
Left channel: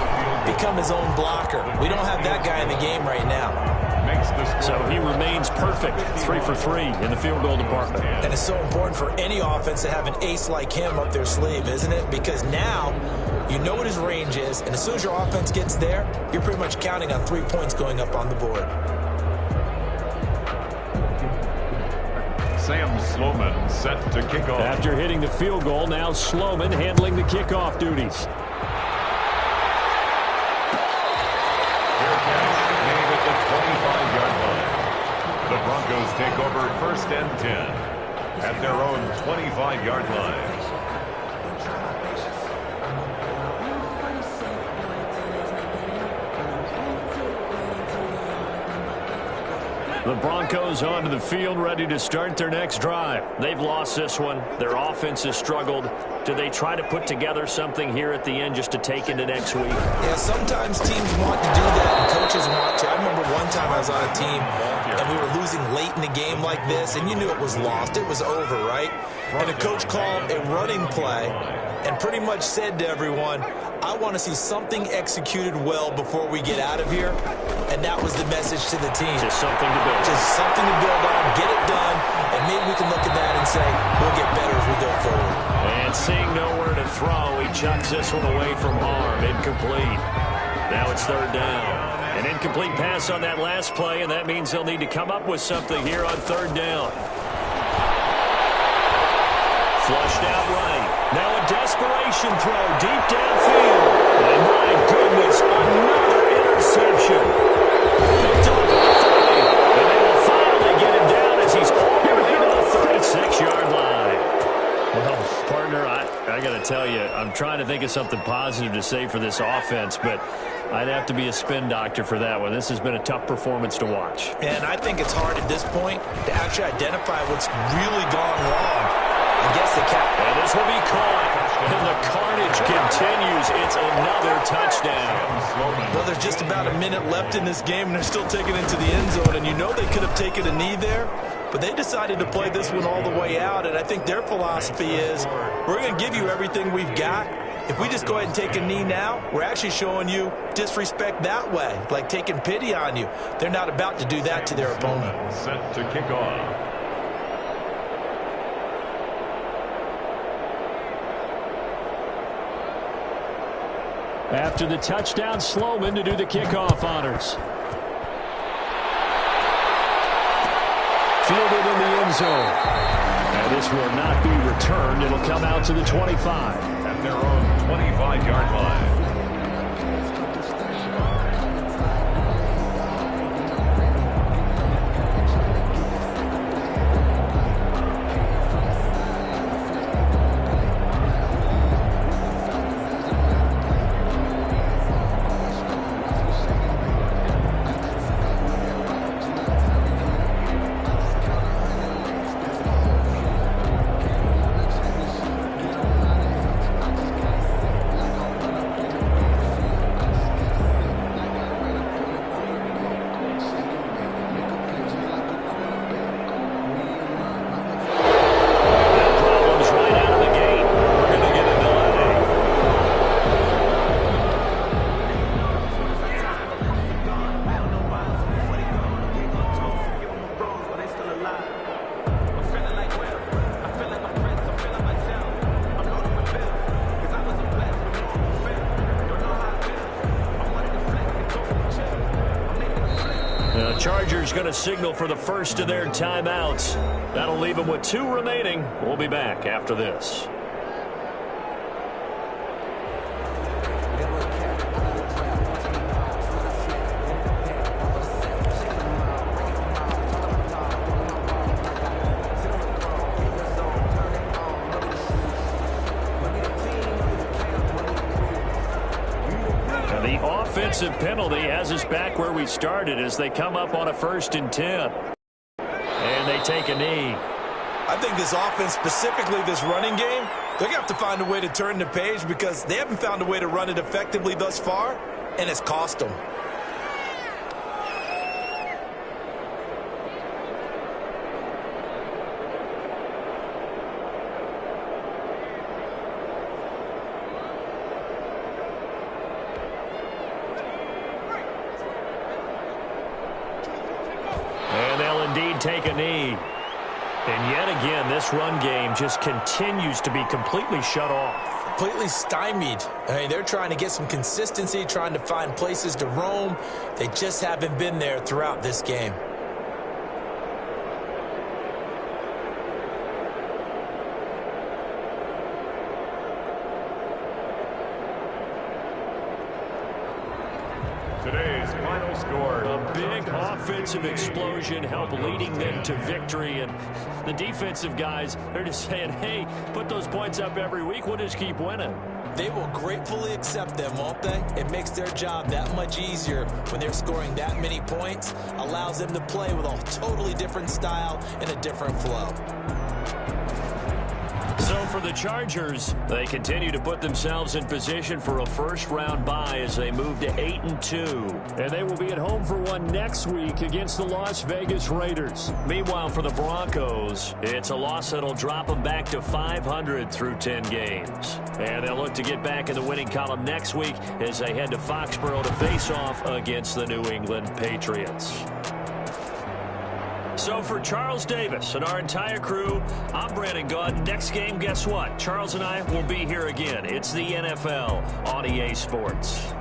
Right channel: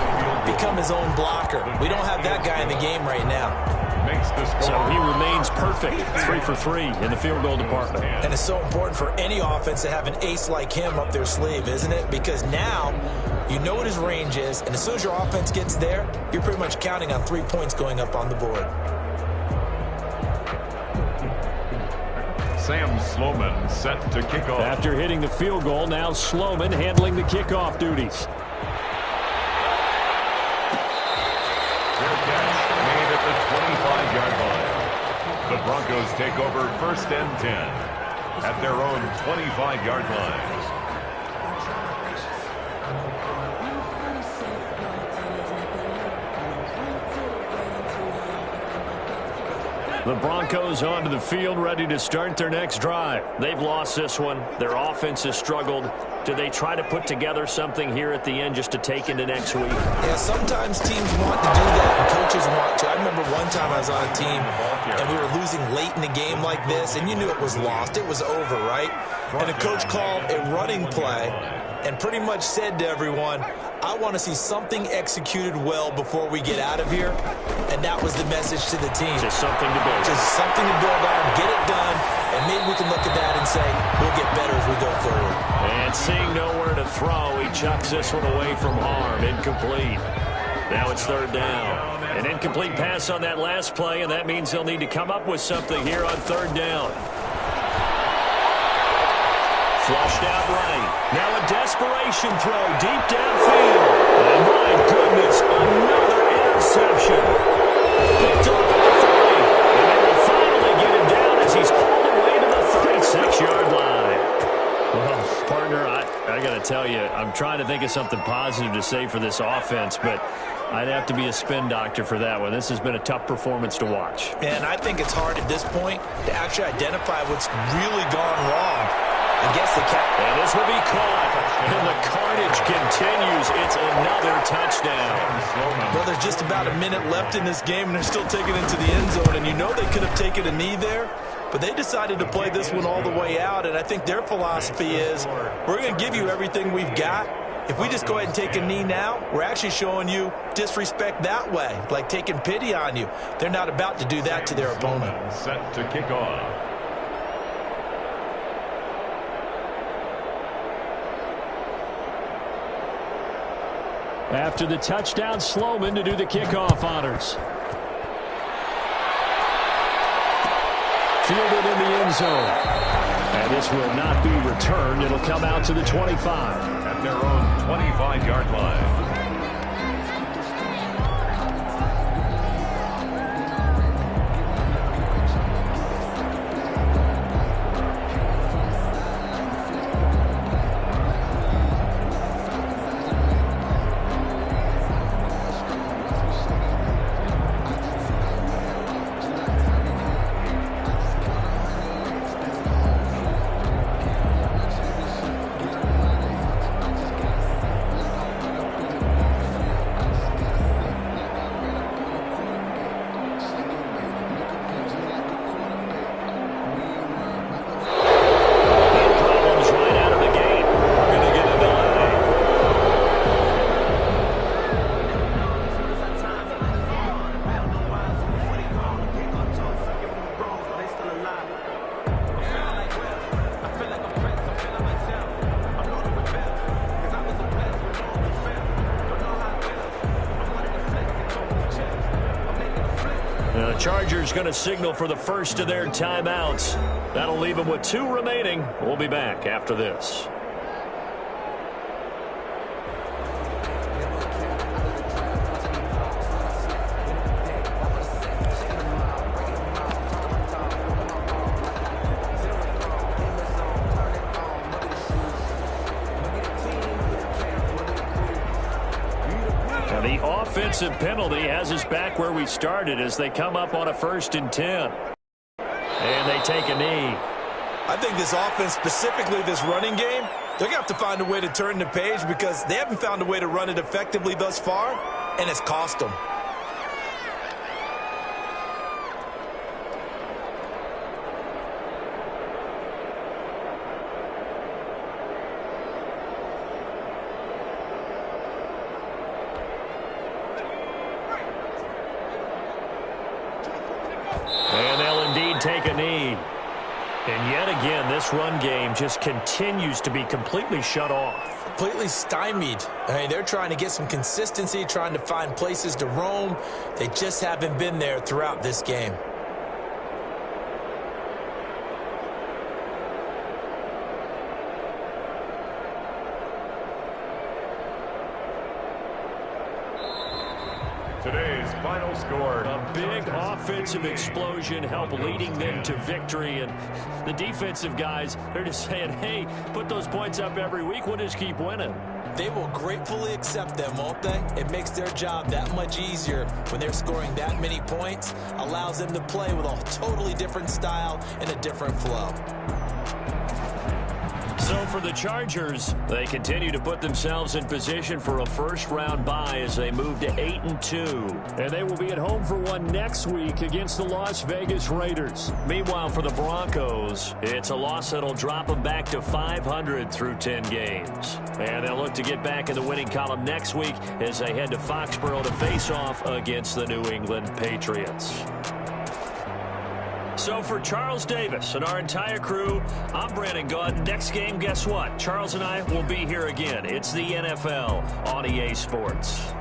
become his own blocker. We don't have that guy in the game right now. So he remains perfect, 3 for 3 in the field goal department. And it's so important for any offense to have an ace like him up their sleeve, isn't it? Because now you know what his range is, and as soon as your offense gets there, you're pretty much counting on 3 points going up on the board. Sam Sloman set to kick off. After hitting the field goal, now Sloman handling the kickoff duties. Fair catch made at the 25-yard line. The Broncos take over 1st and 10 at their own 25-yard line. The Broncos onto the field, ready to start their next drive. They've lost this one. Their offense has struggled. Do they try to put together something here at the end just to take into next week? Yeah, sometimes teams want to do that, and coaches want to. I remember one time I was on a team, and we were losing late in the game like this, and you knew it was lost. It was over, right? And a coach called a running play and pretty much said to everyone, I want to see something executed well before we get out of here. And that was the message to the team. Just something to build. Just something to build on, get it done, and maybe we can look at that and say, we'll get better as we go forward. And seeing nowhere to throw, he chucks this one away from harm. Incomplete. Now it's 3rd down. An incomplete pass on that last play, and that means they'll need to come up with something here on 3rd down. Flushed out right. Now a desperation throw deep downfield. And my goodness, another interception. Picked off at the 30. And they will finally get him down as he's all the way to the 36-yard line. Well, partner, I got to tell you, I'm trying to think of something positive to say for this offense, but I'd have to be a spin doctor for that one. This has been a tough performance to watch. And I think it's hard at this point to actually identify what's really gone wrong. I guess they can't. And this will be caught. And the carnage continues. It's another touchdown. Well, there's just about a minute left in this game, and they're still taking it into the end zone. And you know they could have taken a knee there, but they decided to play this one all the way out. And I think their philosophy is, we're going to give you everything we've got. If we just go ahead and take a knee now, we're actually showing you disrespect that way, like taking pity on you. They're not about to do that to their opponent. Set to kick off. After the touchdown, Sloman to do the kickoff honors. Fielded in the end zone. And this will not be returned. It'll come out to the 25. At their own 25-yard line. The Chargers going to signal for the first of their timeouts. That'll leave them with 2 remaining. We'll be back after this. The offensive penalty has us back where we started as they come up on a 1st and 10. And they take a knee. I think this offense, specifically this running game, they're going to have to find a way to turn the page because they haven't found a way to run it effectively thus far, and it's cost them. And they'll indeed take a knee. And yet again, this run game just continues to be completely shut off. Completely stymied. I mean, they're trying to get some consistency, trying to find places to roam. They just haven't been there throughout this game. Today's final score. A big offensive explosion helped leading them to victory. And the defensive guys, they're just saying, hey, put those points up every week. We'll just keep winning. They will gratefully accept them, won't they? It makes their job that much easier when they're scoring that many points. Allows them to play with a totally different style and a different flow. So for the Chargers, they continue to put themselves in position for a first-round bye as they move to 8-2. And they will be at home for one next week against the Las Vegas Raiders. Meanwhile, for the Broncos, it's a loss that'll drop them back to 500 through 10 games. And they'll look to get back in the winning column next week as they head to Foxborough to face off against the New England Patriots. So for Charles Davis and our entire crew, I'm Brandon Gaudin. Next game, guess what? Charles and I will be here again. It's the NFL on EA Sports.